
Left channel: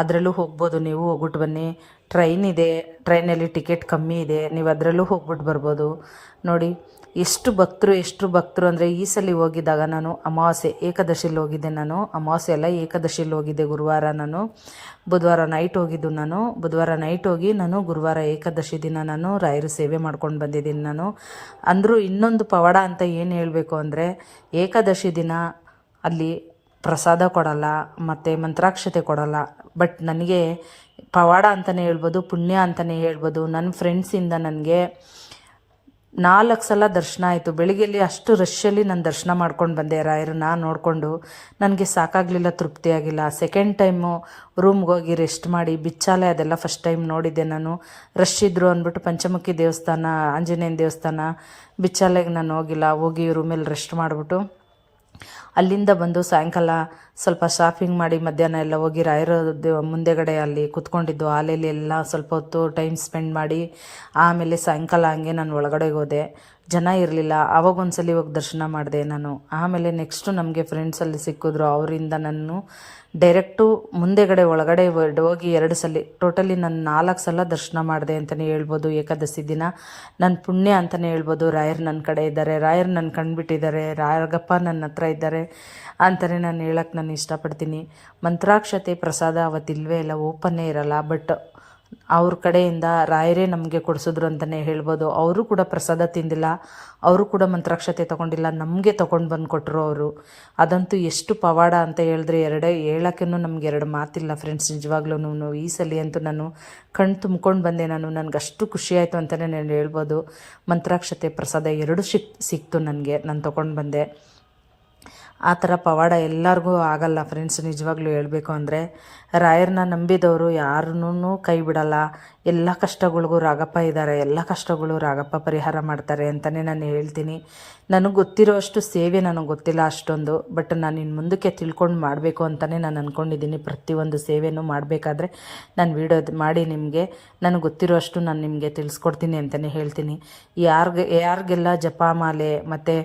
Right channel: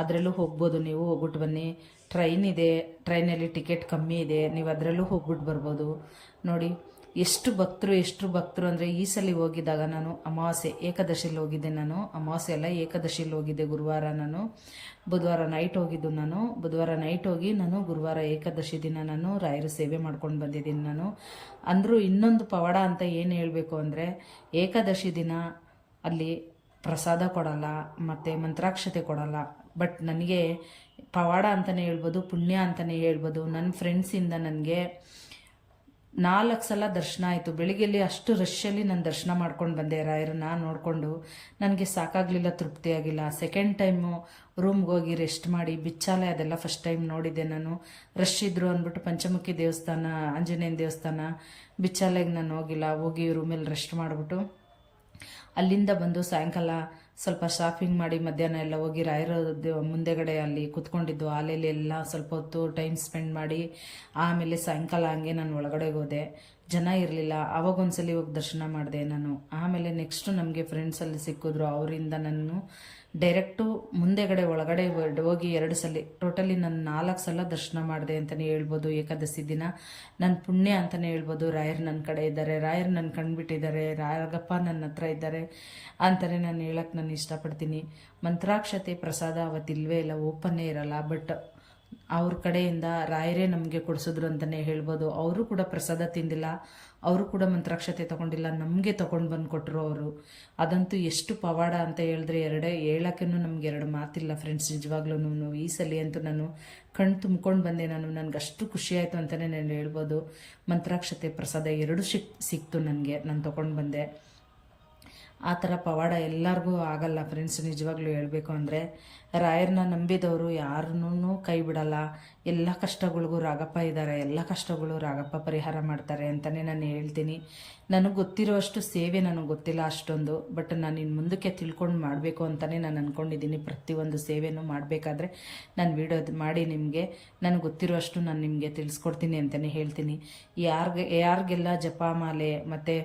ಅದರಲ್ಲೂ ಹೋಗ್ಬೋದು. ನೀವು ಹೋಗ್ಬಿಟ್ಟು ಬನ್ನಿ. ಟ್ರೈನ್ ಇದೆ, ಟ್ರೈನಲ್ಲಿ ಟಿಕೆಟ್ ಕಮ್ಮಿ ಇದೆ, ನೀವು ಅದರಲ್ಲೂ ಹೋಗ್ಬಿಟ್ಟು ಬರ್ಬೋದು. ನೋಡಿ ಎಷ್ಟು ಭಕ್ತರು ಅಂದರೆ, ಈ ಸಲ ಹೋಗಿದ್ದಾಗ ನಾನು ಅಮಾವಾಸ್ಯೆ ಏಕಾದಶಿಲಿ ಹೋಗಿದ್ದೆ. ನಾನು ಅಮಾವಾಸ್ಯೆ ಅಲ್ಲ, ಏಕಾದಶಿಲಿ ಹೋಗಿದ್ದೆ. ಗುರುವಾರ ನಾನು ಬುಧವಾರ ನೈಟ್ ಹೋಗಿದ್ದು. ಬುಧವಾರ ನೈಟ್ ಹೋಗಿ ನಾನು ಗುರುವಾರ ಏಕಾದಶಿ ದಿನ ನಾನು ರಾಯರ ಸೇವೆ ಮಾಡ್ಕೊಂಡು ಬಂದಿದ್ದೀನಿ ನಾನು. ಅಂದರೂ ಇನ್ನೊಂದು ಪವಾಡ ಅಂತ ಏನು ಹೇಳಬೇಕು ಅಂದರೆ, ಏಕಾದಶಿ ದಿನ ಅಲ್ಲಿ ಪ್ರಸಾದ ಕೊಡಲ್ಲ ಮತ್ತು ಮಂತ್ರಾಕ್ಷತೆ ಕೊಡಲ್ಲ. ಬಟ್ ನನಗೆ ಪವಾಡ ಅಂತಲೇ ಹೇಳ್ಬೋದು, ಪುಣ್ಯ ಅಂತಲೇ ಹೇಳ್ಬೋದು. ನನ್ನ ಫ್ರೆಂಡ್ಸಿಂದ ನನಗೆ 4 ಸಲ ದರ್ಶನ ಆಯಿತು. ಬೆಳಿಗ್ಗೆಯಲ್ಲಿ ಅಷ್ಟು ರಶ್ಶಲ್ಲಿ ನಾನು ದರ್ಶನ ಮಾಡ್ಕೊಂಡು ಬಂದೆ ರಾಯರನ್ನ ನೋಡಿಕೊಂಡು. ನನಗೆ ಸಾಕಾಗಲಿಲ್ಲ, ತೃಪ್ತಿಯಾಗಿಲ್ಲ. ಸೆಕೆಂಡ್ ಟೈಮು ರೂಮ್ಗೆ ಹೋಗಿ ರೆಸ್ಟ್ ಮಾಡಿ, ಬಿಚ್ಚಾಲೆ ಅದೆಲ್ಲ ಫಸ್ಟ್ ಟೈಮ್ ನೋಡಿದ್ದೆ ನಾನು. ರಶ್ ಇದ್ದರು ಅಂದ್ಬಿಟ್ಟು ಪಂಚಮುಖಿ ದೇವಸ್ಥಾನ, ಆಂಜನೇಯನ ದೇವಸ್ಥಾನ, ಬಿಚ್ಚಾಲೆಗೆ ನಾನು ಹೋಗಿಲ್ಲ. ಹೋಗಿ ರೂಮಲ್ಲಿ ರೆಸ್ಟ್ ಮಾಡಿಬಿಟ್ಟು ಅಲ್ಲಿಂದ ಬಂದು ಸಾಯಂಕಾಲ ಸ್ವಲ್ಪ ಶಾಪಿಂಗ್ ಮಾಡಿ ಮಧ್ಯಾಹ್ನ ಎಲ್ಲ ಹೋಗಿ ರಾಯರ ಮುಂದೆಗಡೆ ಅಲ್ಲಿ ಕೂತ್ಕೊಂಡಿದ್ದು ಹಾಲೆಯಲ್ಲಿ ಎಲ್ಲ ಸ್ವಲ್ಪ ಹೊತ್ತು ಟೈಮ್ ಸ್ಪೆಂಡ್ ಮಾಡಿ ಆಮೇಲೆ ಸಾಯಂಕಾಲ ಹಂಗೆ ನಾನು ಒಳಗಡೆ ಹೋದೆ. ಜನ ಇರಲಿಲ್ಲ. ಆವಾಗ ಒಂದ್ಸಲಿ ಹೋಗಿ ದರ್ಶನ ಮಾಡಿದೆ ನಾನು. ಆಮೇಲೆ ನೆಕ್ಸ್ಟು ನಮಗೆ ಫ್ರೆಂಡ್ಸಲ್ಲಿ ಸಿಕ್ಕಿದ್ರು. ಅವರಿಂದ ನಾನು ಡೈರೆಕ್ಟು ಮುಂದೆಗಡೆ ಒಳಗಡೆ ಹೋಗಿ 2 ಸಲ ಟೋಟಲಿ ನಾನು 4 ಸಲ ದರ್ಶನ ಮಾಡಿದೆ ಅಂತಲೇ ಹೇಳ್ಬೋದು. ಏಕಾದಶಿ ದಿನ ನನ್ನ ಪುಣ್ಯ ಅಂತಲೇ ಹೇಳ್ಬೋದು. ರಾಯರು ನನ್ನ ಕಡೆ ಇದ್ದಾರೆ, ರಾಯರು ನನ್ನ ಕಂಡುಬಿಟ್ಟಿದ್ದಾರೆ, ರಾಯರಗಪ್ಪ ನನ್ನ ಹತ್ರ ಇದ್ದಾರೆ ಅಂತಲೇ ನಾನು ಹೇಳೋಕ್ಕೆ ನಾನು ಇಷ್ಟಪಡ್ತೀನಿ. ಮಂತ್ರಾಕ್ಷತೆ ಪ್ರಸಾದ ಅವತ್ತಿಲ್ವೇ ಇಲ್ಲ, ಓಪನ್ನೇ ಇರಲ್ಲ. ಬಟ್ ಅವ್ರ ಕಡೆಯಿಂದ ರಾಯರೇ ನಮಗೆ ಕೊಡಿಸಿದ್ರು ಅಂತಲೇ ಹೇಳ್ಬೋದು. ಅವರು ಕೂಡ ಪ್ರಸಾದ ತಿಂದಿಲ್ಲ, ಅವರು ಕೂಡ ಮಂತ್ರಾಕ್ಷತೆ ತೊಗೊಂಡಿಲ್ಲ, ನಮಗೆ ತೊಗೊಂಡು ಬಂದು ಕೊಟ್ಟರು ಅವರು. ಅದಂತೂ ಎಷ್ಟು ಪವಾಡ ಅಂತ ಹೇಳಿದ್ರೆ ಹೇಳೋಕ್ಕೂ ನಮ್ಗೆ ಎರಡು ಮಾತಿಲ್ಲ ಫ್ರೆಂಡ್ಸ್. ನಿಜವಾಗ್ಲೂ ಈ ಸಲ ಅಂತೂ ನಾನು ಕಣ್ಣು ತುಂಬ್ಕೊಂಡು ಬಂದೆ. ನನಗೆ ಅಷ್ಟು ಖುಷಿಯಾಯಿತು ಅಂತಲೇ ನಾನು ಹೇಳ್ಬೋದು. ಮಂತ್ರಾಕ್ಷತೆ ಪ್ರಸಾದ ಎರಡೂ ಸಿಕ್ತು ನನಗೆ, ನಾನು ತೊಗೊಂಡು ಬಂದೆ. ಆ ಥರ ಪವಾಡ ಎಲ್ಲರಿಗೂ ಆಗಲ್ಲ ಫ್ರೆಂಡ್ಸ್. ನಿಜವಾಗ್ಲೂ ಹೇಳಬೇಕು ಅಂದರೆ ರಾಯರನ್ನ ನಂಬಿದವರು ಯಾರನ್ನೂ ಕೈ ಬಿಡಲ್ಲ. ಎಲ್ಲ ಕಷ್ಟಗಳಿಗೂ ರಾಗಪ್ಪ ಇದ್ದಾರೆ, ಎಲ್ಲ ಕಷ್ಟಗಳು ರಾಗಪ್ಪ ಪರಿಹಾರ ಮಾಡ್ತಾರೆ ಅಂತಲೇ ನಾನು ಹೇಳ್ತೀನಿ. ನನಗೆ ಗೊತ್ತಿರೋ ಅಷ್ಟು ಸೇವೆ ನನಗೆ ಗೊತ್ತಿಲ್ಲ ಅಷ್ಟೊಂದು, ಬಟ್ ನಾನು ಇನ್ನು ಮುಂದಕ್ಕೆ ತಿಳ್ಕೊಂಡು ಮಾಡಬೇಕು ಅಂತಲೇ ನಾನು ಅಂದ್ಕೊಂಡಿದ್ದೀನಿ. ಪ್ರತಿಯೊಂದು ಸೇವೆನೂ ಮಾಡಬೇಕಾದ್ರೆ ನಾನು ವೀಡಿಯೋ ಮಾಡಿ ನಿಮಗೆ ನನಗೆ ಗೊತ್ತಿರೋ ಅಷ್ಟು ನಾನು ನಿಮಗೆ ತಿಳಿಸ್ಕೊಡ್ತೀನಿ ಅಂತಲೇ ಹೇಳ್ತೀನಿ. ಯಾರಿಗೆಲ್ಲ ಜಪಮಾಲೆ ಮತ್ತು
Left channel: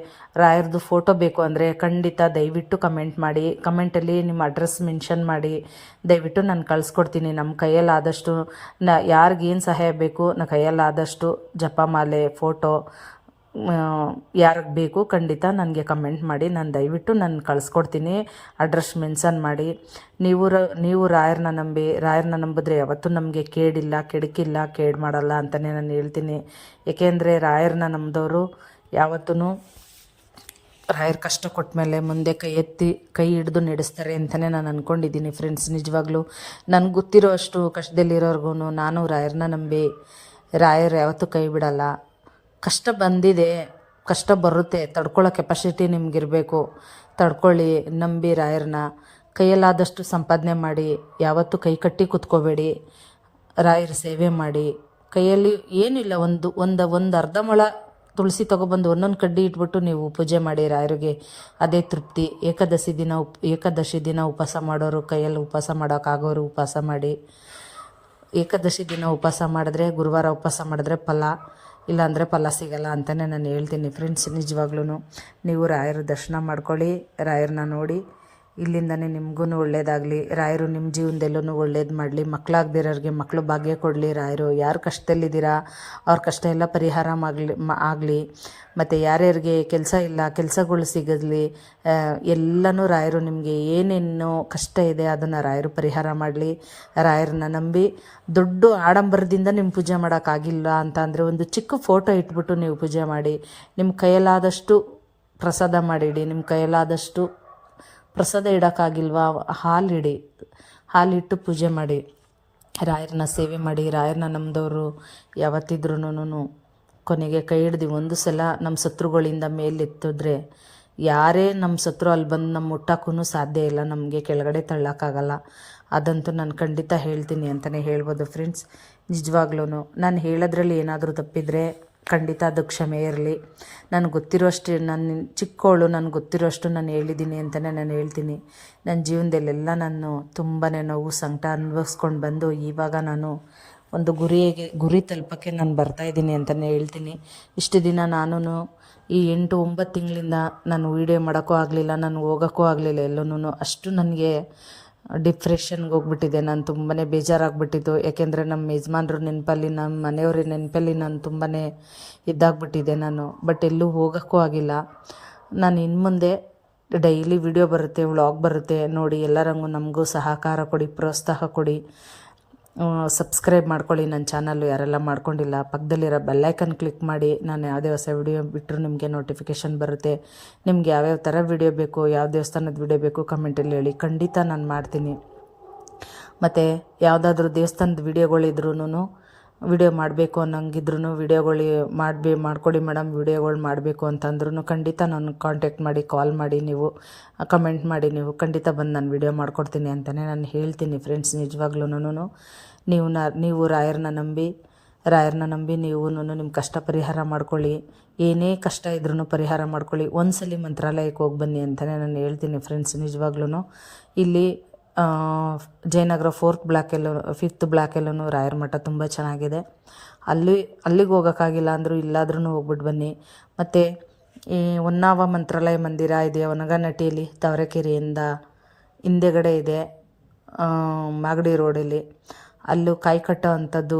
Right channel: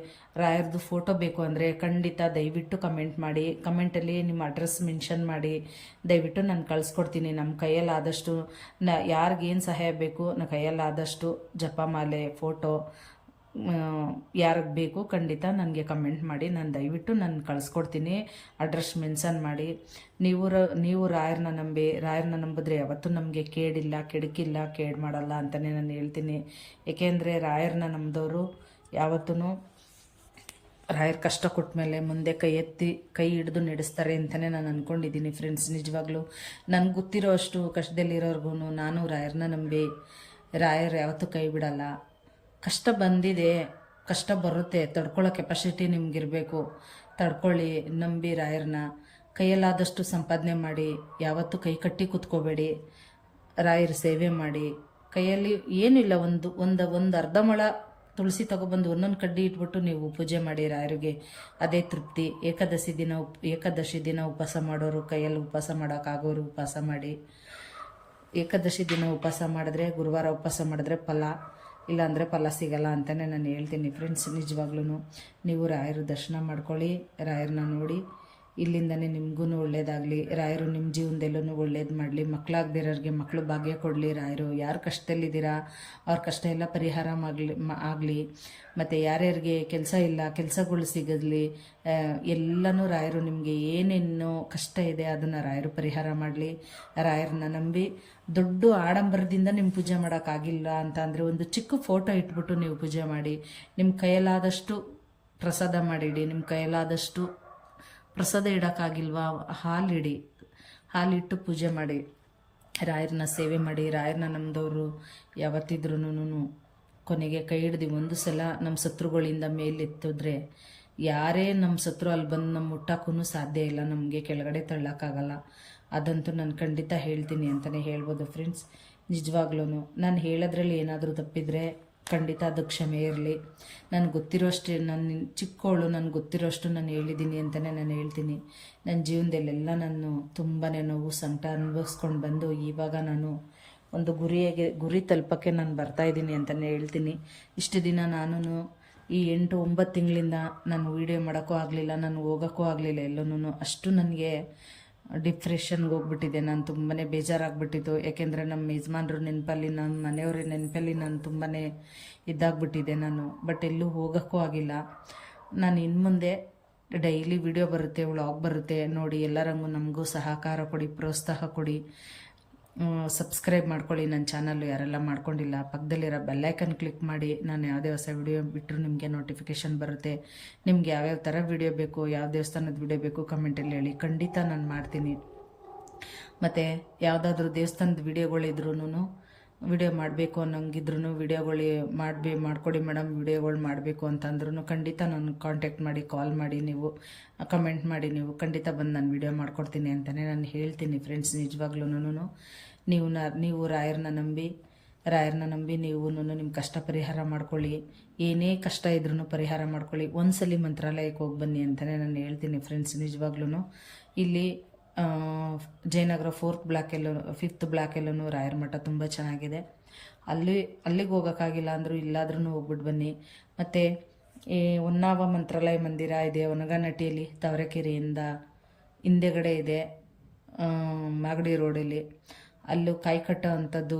ರಾಯರದು ಫೋಟೋ ಬೇಕು ಅಂದರೆ ಖಂಡಿತ ದಯವಿಟ್ಟು ಕಮೆಂಟ್ ಮಾಡಿ. ಕಮೆಂಟಲ್ಲಿ ನಿಮ್ಮ ಅಡ್ರೆಸ್ ಮೆನ್ಷನ್ ಮಾಡಿ, ದಯವಿಟ್ಟು ನಾನು ಕಳಿಸ್ಕೊಡ್ತೀನಿ. ನಮ್ಮ ಕೈಯಲ್ಲಾದಷ್ಟು ಯಾರಿಗೇನು ಸಹಾಯ ಬೇಕು, ನನ್ನ ಕೈಯಲ್ಲಾದಷ್ಟು ಜಪಮಾಲೆ ಫೋಟೋ ಯಾರಿಗೆ ಬೇಕು ಖಂಡಿತ ನನಗೆ ಕಮೆಂಟ್ ಮಾಡಿ, ನಾನು ದಯವಿಟ್ಟು ನಾನು ಕಳಿಸ್ಕೊಡ್ತೀನಿ. ಅಡ್ರೆಸ್ ಮೆನ್ಷನ್ ಮಾಡಿ. ನೀವು ರಾಯರನ್ನ ನಂಬಿದ್ರೆ ಯಾವತ್ತೂ ನಮಗೆ ಕೇಡಿಲ್ಲ, ಕೆಡಕಿಲ್ಲ, ಕೇಡು ಮಾಡಲ್ಲ ಅಂತಲೇ ನಾನು ಹೇಳ್ತೀನಿ. ಏಕೆಂದರೆ ರಾಯರನ್ನ ನಂಬಿದವರು ಯಾವತ್ತೂ ರಾಯರ್ ಕಷ್ಟ ಕೊಟ್ಟ ಮೇಲೆ ಮುಂದೆ ಕೈ ಹಿಡಿದು ನಡೆಸ್ತಾರೆ ಅಂತಲೇ ನಾನು ಅಂದ್ಕೊಂಡಿದ್ದೀನಿ ಫ್ರೆಂಡ್ಸ್. ನಿಜವಾಗ್ಲೂ ನನಗೆ ಗೊತ್ತಿರೋ ಅಷ್ಟು ಕಷ್ಟದಲ್ಲಿರೋರ್ಗು ನಾನು ರಾಯರನ್ನ ನಂಬಿ, ರಾಯರು ಯಾವತ್ತೂ ಕೈ ಬಿಡಲ್ಲ. ಕಷ್ಟ ಬಂದಿದೆ, ಕಷ್ಟ ಬರುತ್ತೆ, ತಡ್ಕೊಳ್ಳೋ ಕೆಪಾಸಿಟಿ ನಿಮಗಿರಬೇಕು. ತಡ್ಕೊಳ್ಳಿ, ನಂಬಿ ರಾಯರನ್ನ. ಕೈಯಲ್ಲಾದಷ್ಟು ಸಂಪಾದನೆ ಮಾಡಿ, ಯಾವತ್ತೂ ಕೈ ಕಟ್ಟಿ ಕೂತ್ಕೋಬೇಡಿ. ರಾಯರ ಸೇವೆ ಮಾಡಿ. ಕೈಯಲ್ಲಿ ಏನಿಲ್ಲ, ಒಂದು ಅರ್ಧ ಮೊಳ ತುಳಸಿ ತೊಗೊಬಂದು ಒಂದೊಂದು ಕಡ್ಡಿ ಇಟ್ಬಿಟ್ಟು ನೀವು ಪೂಜೆ ಮಾಡಿ ರಾಯರಿಗೆ, ಅದೇ ತೃಪ್ತಿ. ಏಕಾದಶಿ ದಿನ ಉಪವಾಸ ಮಾಡೋರು, ಕೈಯಲ್ಲಿ ಉಪವಾಸ ಮಾಡೋಕ್ಕಾಗೋರು ಉಪವಾಸ ಮಾಡಿ. ಏಕಾದಶಿ ದಿನ ಉಪವಾಸ ಮಾಡಿದ್ರೆ, ಗುರುವಾರ ಉಪವಾಸ ಮಾಡಿದ್ರೆ ಫಲ, ಇಲ್ಲಾಂದರೆ ಫಲ ಸಿಗಲ್ಲ ಅಂತಲೇ ನಾನು ಹೇಳ್ತೀನಿ ಫ್ರೆಂಡ್ಸ್. ನಿಜವಾಗ್ಲೂ ನೀವು ರಾಯರ ದರ್ಶನ ಮಾಡ್ಕೊಳ್ಳಿ, ರಾಯರನ್ನ ನೋಡಿ. ಇಲ್ಲಿಂದನೇ ನಿಮಗೂ ಒಳ್ಳೇದಾಗಲಿ. ರಾಯರು ನಿಮ್ಮ ಜೀವನದಲ್ಲೂ ಒಳ್ಳೇದು ಮಾಡಲಿ. ಮಕ್ಕಳಾಗದಿರೋರಿಗೆ ಮಕ್ಕಳು ಭಾಗ್ಯ ಕೊಡಲಿ ರಾಯರು. ಯಾರು ಕಷ್ಟದಲ್ಲಿದ್ದೀರಾ ಅವ್ರ ಕಷ್ಟ ಎಲ್ಲ ಪರಿಹಾರ ಆಗಲಿ. ಮತ್ತು ಯಾರ್ಯಾರಿಗೆ ಕೆಲಸ ಇಲ್ಲ, ಕೆಲಸಗಳು ಸಿಗಲಿ. ಎಲ್ಲನೂ ರಾಯರು ನಿಮಗೆ ಏನೇನು ಕಷ್ಟ ಇದೆ ಅದನ್ನು ರಾಯರು ಪರಿಹಾರ ಮಾಡಲಿ. ರಾಯರನ್ನ ನಂಬಿ. ದೊಡ್ಡ ಆಡಂಬರದಿಂದ ನಿಮ್ಮ ಪೂಜೆ ಮಾಡೋಕ್ಕಾಗಿಲ್ಲ ಅಂತ ಅಂದರೆ ಒಂದು ಚಿಕ್ಕ ಫೋಟೋ ಇಟ್ಬಿಟ್ಟು ನೀವು ಪೂಜೆ ಮಾಡಿ. ನಿಮ್ಮ ಕೈಯಲ್ಲಾದಷ್ಟು ಪ್ರಸಾದ ಮಾಡಿಡಿ. ನಿಮ್ಮ ಕೈಯಲ್ಲಾದಷ್ಟು ಪ್ರಸಾದ ಇಡೋಕ್ಕಾಗಿಲ್ವಾ, ಹಾಲಿಡಿ, ಹಾಲಿಟ್ಟು ಪೂಜೆ ಮಾಡಿ. ರಾಯರನ್ನ ಸೇವೆ ಮಾಡಿ. ರಾಯರನ್ನ ನಂಬಿದವರು ಯಾವತ್ತಿದ್ರೂ ಕೊನೆಗೆ ಕೈ ಹಿಡ್ದು ಒಂದು ಸಲ ನಮ್ಮ ಶತ್ರುಗಳಿಂದ ಮೇಲೆತ್ತಿದ್ರೆ ಯಾರೇ ನಮ್ಮ ಶತ್ರು ಅಲ್ಲಿ ಬಂದು ನಮ್ಮ ಮುಟ್ಟೋಕ್ಕೂ ಸಾಧ್ಯ ಇಲ್ಲ, ನಮಗೆ ಕೆಳಗಡೆ ತಳ್ಳೋಕ್ಕಾಗಲ್ಲ. ಅದಂತೂ ನಾನು ಖಂಡಿತ ಹೇಳ್ತೀನಿ ಅಂತಲೇ ಹೇಳ್ಬೋದು ಫ್ರೆಂಡ್ಸ್. ನಿಜವಾಗ್ಲೂ ನಾನು ಹೇಳೋದ್ರಲ್ಲಿ ಏನಾದರೂ ತಪ್ಪಿದರೆ ಖಂಡಿತ ಅದು ಕ್ಷಮೆ ಇರಲಿ. ನನಗೆ ಗೊತ್ತಿರೋಷ್ಟು, ನಾನು ಚಿಕ್ಕವಳು, ನನಗೆ ಗೊತ್ತಿರೋಷ್ಟು ನಾನು ಹೇಳಿದ್ದೀನಿ ಅಂತಲೇ ನಾನು ಹೇಳ್ತೀನಿ. ನನ್ನ ಜೀವನದಲ್ಲೆಲ್ಲ ನಾನು ತುಂಬಾ ನೋವು ಸಂಕಟ ಅನುಭವಿಸ್ಕೊಂಡು ಬಂದು ಇವಾಗ ನಾನು ಒಂದು ಗುರಿ ತಲುಪೋಕ್ಕೆ ನಾನು ಬರ್ತಾಯಿದ್ದೀನಿ ಅಂತಲೇ ಹೇಳ್ತೀನಿ. ಇಷ್ಟು ದಿನ ನಾನು ಈ 8-9 ತಿಂಗಳಿಂದ ನಾನು ವೀಡಿಯೋ ಮಾಡೋಕ್ಕೂ ಆಗಲಿಲ್ಲ, ನಾನು ಹೋಗೋಕ್ಕೂ ಆಗಲಿಲ್ಲ ಎಲ್ಲೂ. ಅಷ್ಟು ನನಗೆ ಡಿಪ್ರೆಷನ್ಗೆ ಹೋಗ್ಬಿಟ್ಟಿದೆ. ನಾನು ತುಂಬಾ ಬೇಜಾರಾಗ್ಬಿಟ್ಟಿತ್ತು. ಯಾಕೆಂದರೆ ನಮ್ಮ ಯಜಮಾನ್ರ ನೆನಪಲ್ಲಿ, ನಮ್ಮ ಮನೆಯವ್ರ ನೆನಪಲ್ಲಿ ನಾನು ತುಂಬಾ ಇದಾಗ್ಬಿಟ್ಟಿದೆ ನಾನು. ಬಟ್ ಎಲ್ಲೂ ಹೋಗೋಕ್ಕೂ ಆಗಿಲ್ಲ. ನಾನು ಇನ್ನು ಮುಂದೆ ಡೈಲಿ ವಿಡಿಯೋ ಬರುತ್ತೆ, ವ್ಲಾಗ್ ಬರುತ್ತೆ ನೋಡಿ. ಎಲ್ಲರಂಗೂ ನಮಗೂ ಸಹಕಾರ ಕೊಡಿ, ಪ್ರೋತ್ಸಾಹ ಕೊಡಿ. ಸಬ್ಸ್ಕ್ರೈಬ್ ಮಾಡ್ಕೊಳ್ಳಿ ನನ್ನ ಚಾನಲ್ಲು ಯಾರೆಲ್ಲ ಮಾಡ್ಕೊಂಡಿಲ್ಲ. ಪಕ್ಕದಲ್ಲಿರೋ ಬೆಲ್ಲೈಕನ್ ಕ್ಲಿಕ್ ಮಾಡಿ. ನಾನು ಯಾವುದೇ ಹೊಸ ವಿಡಿಯೋ ಬಿಟ್ಟರು ನಿಮಗೆ ನೋಟಿಫಿಕೇಷನ್ ಬರುತ್ತೆ. ನಿಮ್ಗೆ ಯಾವ್ಯಾವ ಥರ ವಿಡಿಯೋ ಬೇಕು, ಯಾವ ದೇವಸ್ಥಾನದ ವಿಡಿಯೋ ಬೇಕು ಕಮೆಂಟಲ್ಲಿ ಹೇಳಿ, ಖಂಡಿತ ನಾನು ಮಾಡ್ತೀನಿ. ಮತ್ತು ಯಾವುದಾದ್ರೂ ದೇವಸ್ಥಾನದ ವಿಡಿಯೋಗಳಿದ್ರೂ ವಿಡಿಯೋ ಮಾಡಬೇಕು ಅನ್ನೋಂಗಿದ್ರೂ ವಿಡಿಯೋಗಳು ಮಾಡಿಕೊಡಿ ಮೇಡಮ್, ವಿಡಿಯೋಗಳು ಮಾಡಬೇಕು ಅಂತಂದ್ರೂ ಖಂಡಿತ ನಾನು ಕಾಂಟ್ಯಾಕ್ಟ್ ಮಾಡಿ, ಕಾಲ್ ಮಾಡಿ, ನೀವು ಕಮೆಂಟ್ ಮಾಡಿ, ನೀವು ಖಂಡಿತ ಬಂದು ನಾನು ವಿಡಿಯೋ ಮಾಡಿಕೊಡ್ತೀನಿ ಅಂತಲೇ ನಾನು ಹೇಳ್ತೀನಿ ಫ್ರೆಂಡ್ಸ್. ನಿಜವಾಗ್ಲೂ ನೀವು ರಾಯರನ್ನ ನಂಬಿ ನೀವು ನಿಮ್ಮ ಕಷ್ಟ ಪರಿಹಾರ ಮಾಡ್ಕೊಳ್ಳಿ. ಏನೇ ಕಷ್ಟ ಇದ್ರೂ ಪರಿಹಾರ ಮಾಡ್ಕೊಳ್ಳಿ. ಒಂದ್ಸಲಿ ಮಂತ್ರಾಲಯಕ್ಕೆ ಹೋಗಿ ಬನ್ನಿ ಅಂತಲೇ ನಾನು ಹೇಳ್ತೀನಿ ಫ್ರೆಂಡ್ಸ್. ನಿಜವಾಗ್ಲೂ ಇಲ್ಲಿ ಜಯನಗರ 4th ಬ್ಲಾಕಲ್ಲೂ 5th ಬ್ಲಾಕಲ್ಲೂ ರಾಯರ ಮಠ ತುಂಬ ಚೆನ್ನಾಗಿದೆ. ಅಲ್ಲಿಗೆ ಹೋಗೋಕ್ಕಾಗಿಲ್ಲ ಅಂದರೂ ಇಲ್ಲಾದ್ರೂ ಹೋಗ್ಬಿಟ್ಟು ಬನ್ನಿ. ಮತ್ತು ಈ ಹೊನ್ನಾವ ಮಂತ್ರಾಲಯ ಮಂದಿರ ಇದೆ ಹೊನಗನಟ್ಟಿಯಲ್ಲಿ, ತಾವರೆಕೆರೆಯಿಂದ ಹಿಂದೆಗಡೆ ಇದೆ, ಮಾಗಡಿ ರೋಡಲ್ಲಿ. ಅಲ್ಲೂ ಕಾಯಿ ಕಟ್ಟೋ ಅಂಥದ್ದು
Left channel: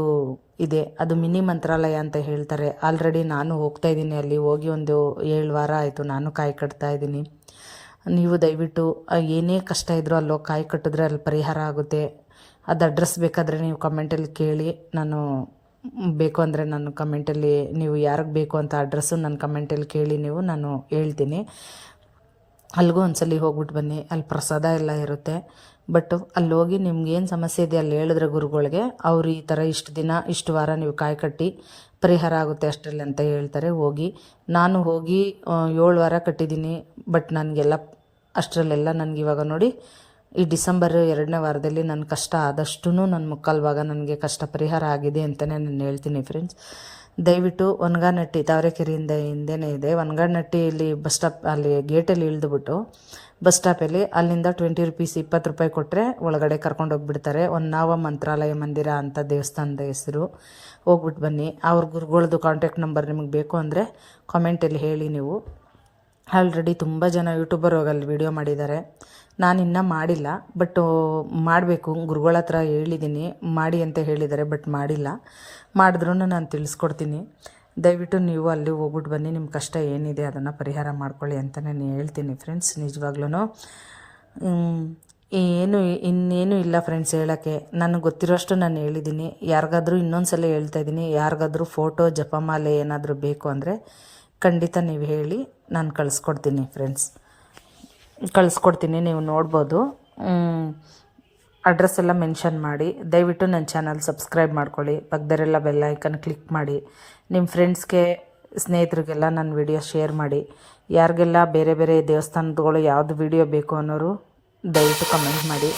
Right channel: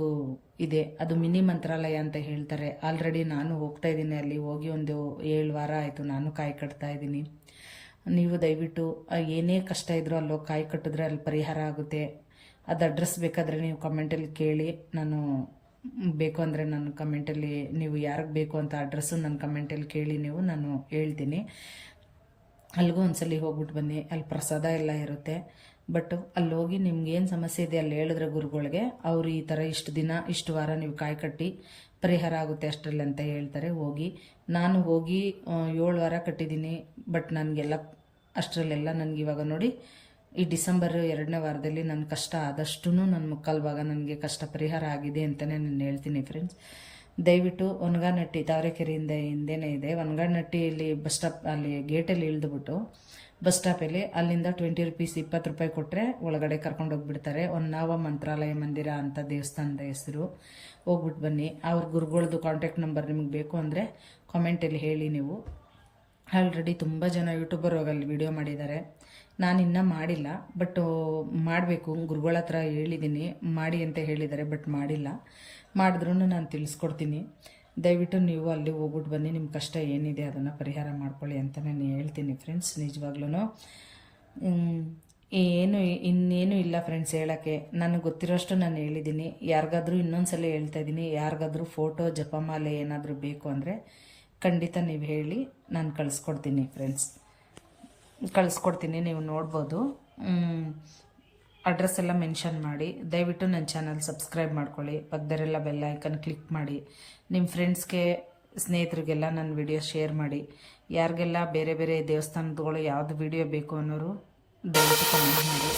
ಇದೆ. ಅದು ಮಿನಿ ಮಂತ್ರಾಲಯ ಅಂತ ಹೇಳ್ತಾರೆ. ಆಲ್ರೆಡಿ ನಾನು ಹೋಗ್ತಾಯಿದ್ದೀನಿ, ಅಲ್ಲಿ ಹೋಗಿ ಒಂದು 7 ವಾರ ಆಯಿತು ನಾನು ಕಾಯಿ ಕಟ್ತಾಯಿದ್ದೀನಿ. ನೀವು ದಯವಿಟ್ಟು ಏನೇ ಕಷ್ಟ ಇದ್ದರೂ ಅಲ್ಲೋಗಿ ಕಾಯಿ ಕಟ್ಟಿದ್ರೆ ಅಲ್ಲಿ ಪರಿಹಾರ ಆಗುತ್ತೆ. ಅದು ಅಡ್ರೆಸ್ ಬೇಕಾದರೆ ನೀವು ಕಮೆಂಟಲ್ಲಿ ಕೇಳಿ, ನಾನು ಬೇಕು ಅಂದರೆ ನಾನು ಕಮೆಂಟಲ್ಲಿ ನೀವು ಯಾರಿಗೆ ಬೇಕು ಅಂತ ಅಡ್ರೆಸ್ಸು ನನ್ನ ಕಮೆಂಟಲ್ಲಿ ಕೇಳಿ ನೀವು ನಾನು ಹೇಳ್ತೀನಿ. ಅಲ್ಲಿಗೂ ಒಂದ್ಸಲಿ ಹೋಗ್ಬಿಟ್ಟು ಬನ್ನಿ, ಅಲ್ಲಿ ಪ್ರಸಾದ ಎಲ್ಲ ಇರುತ್ತೆ. ಬಟ್ ಅಲ್ಲಿ ಹೋಗಿ ನಿಮ್ಗೇನು ಸಮಸ್ಯೆ ಇದೆ ಅಲ್ಲಿ ಹೇಳಿದ್ರೆ ಗುರುಗಳಿಗೆ, ಅವರು ಈ ಥರ ಇಷ್ಟು ದಿನ ಇಷ್ಟು ವಾರ ನೀವು ಕಾಯಿ ಕಟ್ಟಿ ಪರಿಹಾರ ಆಗುತ್ತೆ ಅಷ್ಟರಲ್ಲಿ ಅಂತ ಹೇಳ್ತಾರೆ. ನಾನು ಹೋಗಿ 7 ವಾರ ಕಟ್ಟಿದ್ದೀನಿ. ಬಟ್ ನನಗೆಲ್ಲ ಅಷ್ಟರಲ್ಲೆಲ್ಲ ನನಗೆ ಇವಾಗ ನೋಡಿ ಈ ಡಿಸೆಂಬರ್ 2ನೇ ವಾರದಲ್ಲಿ ನನ್ನ ಕಷ್ಟ ಆದಷ್ಟು ನನ್ನ ಮುಕ್ಕಾಲು ಭಾಗ ನನಗೆ ಕಷ್ಟ ಪರಿಹಾರ ಆಗಿದೆ ಅಂತಲೇ ನಾನು ಹೇಳ್ತೀನಿ ಫ್ರೆಂಡ್ಸ್. ದಯವಿಟ್ಟು ಒನಗಾನಟ್ಟಿ ತಾವರೆಕೆರೆಯಿಂದ ಹಿಂದೆನೇ ಇದೆ. ಒನಗಾನಟ್ಟಿಯಲ್ಲಿ ಬಸ್ ಸ್ಟಾಪ್ ಅಲ್ಲಿ ಗೇಟಲ್ಲಿ ಇಳಿದುಬಿಟ್ಟು ಬಸ್ ಸ್ಟಾಪಲ್ಲಿ ಅಲ್ಲಿಂದ 20 ರೂಪೀಸ್ 20 ರೂಪಾಯಿ ಕೊಟ್ಟರೆ ಒಳಗಡೆ ಕರ್ಕೊಂಡೋಗ್ಬಿಡ್ತಾರೆ. ಹೊನ್ನಾವ ಮಂತ್ರಾಲಯ ಮಂದಿರ ಅಂತ ದೇವಸ್ಥಾನದ ಹೆಸರು. ಹೋಗ್ಬಿಟ್ಟು ಬನ್ನಿ. ಅವ್ರ ಗುರುಗಳದ್ದು ಕಾಂಟ್ಯಾಕ್ಟ್ ನಂಬರ್ ನಿಮಗೆ ಬೇಕು ಅಂದರೆ ಕಾಮೆಂಟಲ್ಲಿ ಹೇಳಿ. ನೀವು ಆಲ್ರೆಡಿ ತುಂಬ ಜನ ಯೂಟ್ಯೂಬರ್ ಹೋಗಲ್ಲಿ ವಿಡಿಯೋ ಮಾಡಿದ್ದಾರೆ. ನಾನು ಇನ್ನೂ ಮಾಡಿಲ್ಲ, ಬಟ್ ಮಾಡಬೇಕು. ಗುರುಗಳ ಹತ್ರ ಹೇಳಿದ್ದೀನಿ ಮಾಡಿ ಅಂತ ಹೇಳಿದ್ದಾರೆ, ಬಟ್ ಮಾಡಿಲ್ಲ. ಮಾಡಿದ್ರೂ ನಾನು ತಿಳಿಸ್ಕೊಡ್ತೀನಿ. ದಯವಿಟ್ಟು ನೀವು ಅಲ್ಲಿ ಹೋಗ್ಬಿಟ್ಟು ಬನ್ನಿ. ನಿಮ್ಮ ಕಷ್ಟ ಏನಿದೆ ಅದನ್ನು ಪರಿಹಾರ ಮಾಡ್ಕೊಳ್ಳಿ ಅಂತ ನಾನು ಹೇಳ್ತೀನಿ ಫ್ರೆಂಡ್ಸ್. ನಿಜವಾಗ್ಲೂ ಇನ್ನೇನು ಇಲ್ಲ ಫ್ರೆಂಡ್ಸ್ ಹೇಳೋಕ್ಕೆ. ನನಗೆ ಗೊತ್ತಿರೋಷ್ಟು ನಾನು ಹೇಳಿದ್ದೀನಿ. ಯಾರಿಗಾದ್ರೂ ಇನ್ನೊಂದು ಸಲ ಹೇಳ್ತಾ ಇದ್ದೀನಿ, ಯಾರಿಗಾದ್ರೂ ಫೋಟೋ ಜಪಮಾಲೆ ಏನಾದರೂ ಬೇಕು ಅಂದರೆ ಖಂಡಿತ ನೀವು ಹೇಳಿ, ನಾನು ಕಳಿಸ್ಕೊಡ್ತೀನಿ ಫ್ರೆಂಡ್ಸ್. ಕಳಿಸ್ಕೊಡ್ತೀನಿ, ನೀವು ನೋಡ್ಬೋದು. ಅಡ್ರೆಸ್ ಎಲ್ಲ ಮೆನ್ಷನ್ ಮಾಡಿ. ದಯವಿಟ್ಟು ನನ್ನ ಚಾನಲ್ ಸಬ್ಸ್ಕ್ರೈಬ್ ಮಾಡ್ಕೊಳ್ಳಿ. ಪಕ್ಕದರೆಲ್ಲ ಬೆಲ್ ಐಕನ್ ಕ್ಲಿಕ್ ಮಾಡಿ. ನಿಮ್ಮ ಫ್ರೆಂಡ್ಸ್ಗೆ ಸ್ನೇಹಿತರಿಗೆಲ್ಲ ನನ್ನ ವಿಡಿಯೋ ಶೇರ್ ಮಾಡಿ. ಯಾರಿಗೆಲ್ಲ ಬೇರೆ ಬೇರೆ ದೇವಸ್ಥಾನಗಳು ಯಾವುದು ವಿಡಿಯೋ ಬೇಕು ಅನ್ನೋರು ದಯವಿಟ್ಟು ಕಮೆಂಟ್ ಮಾಡಿ.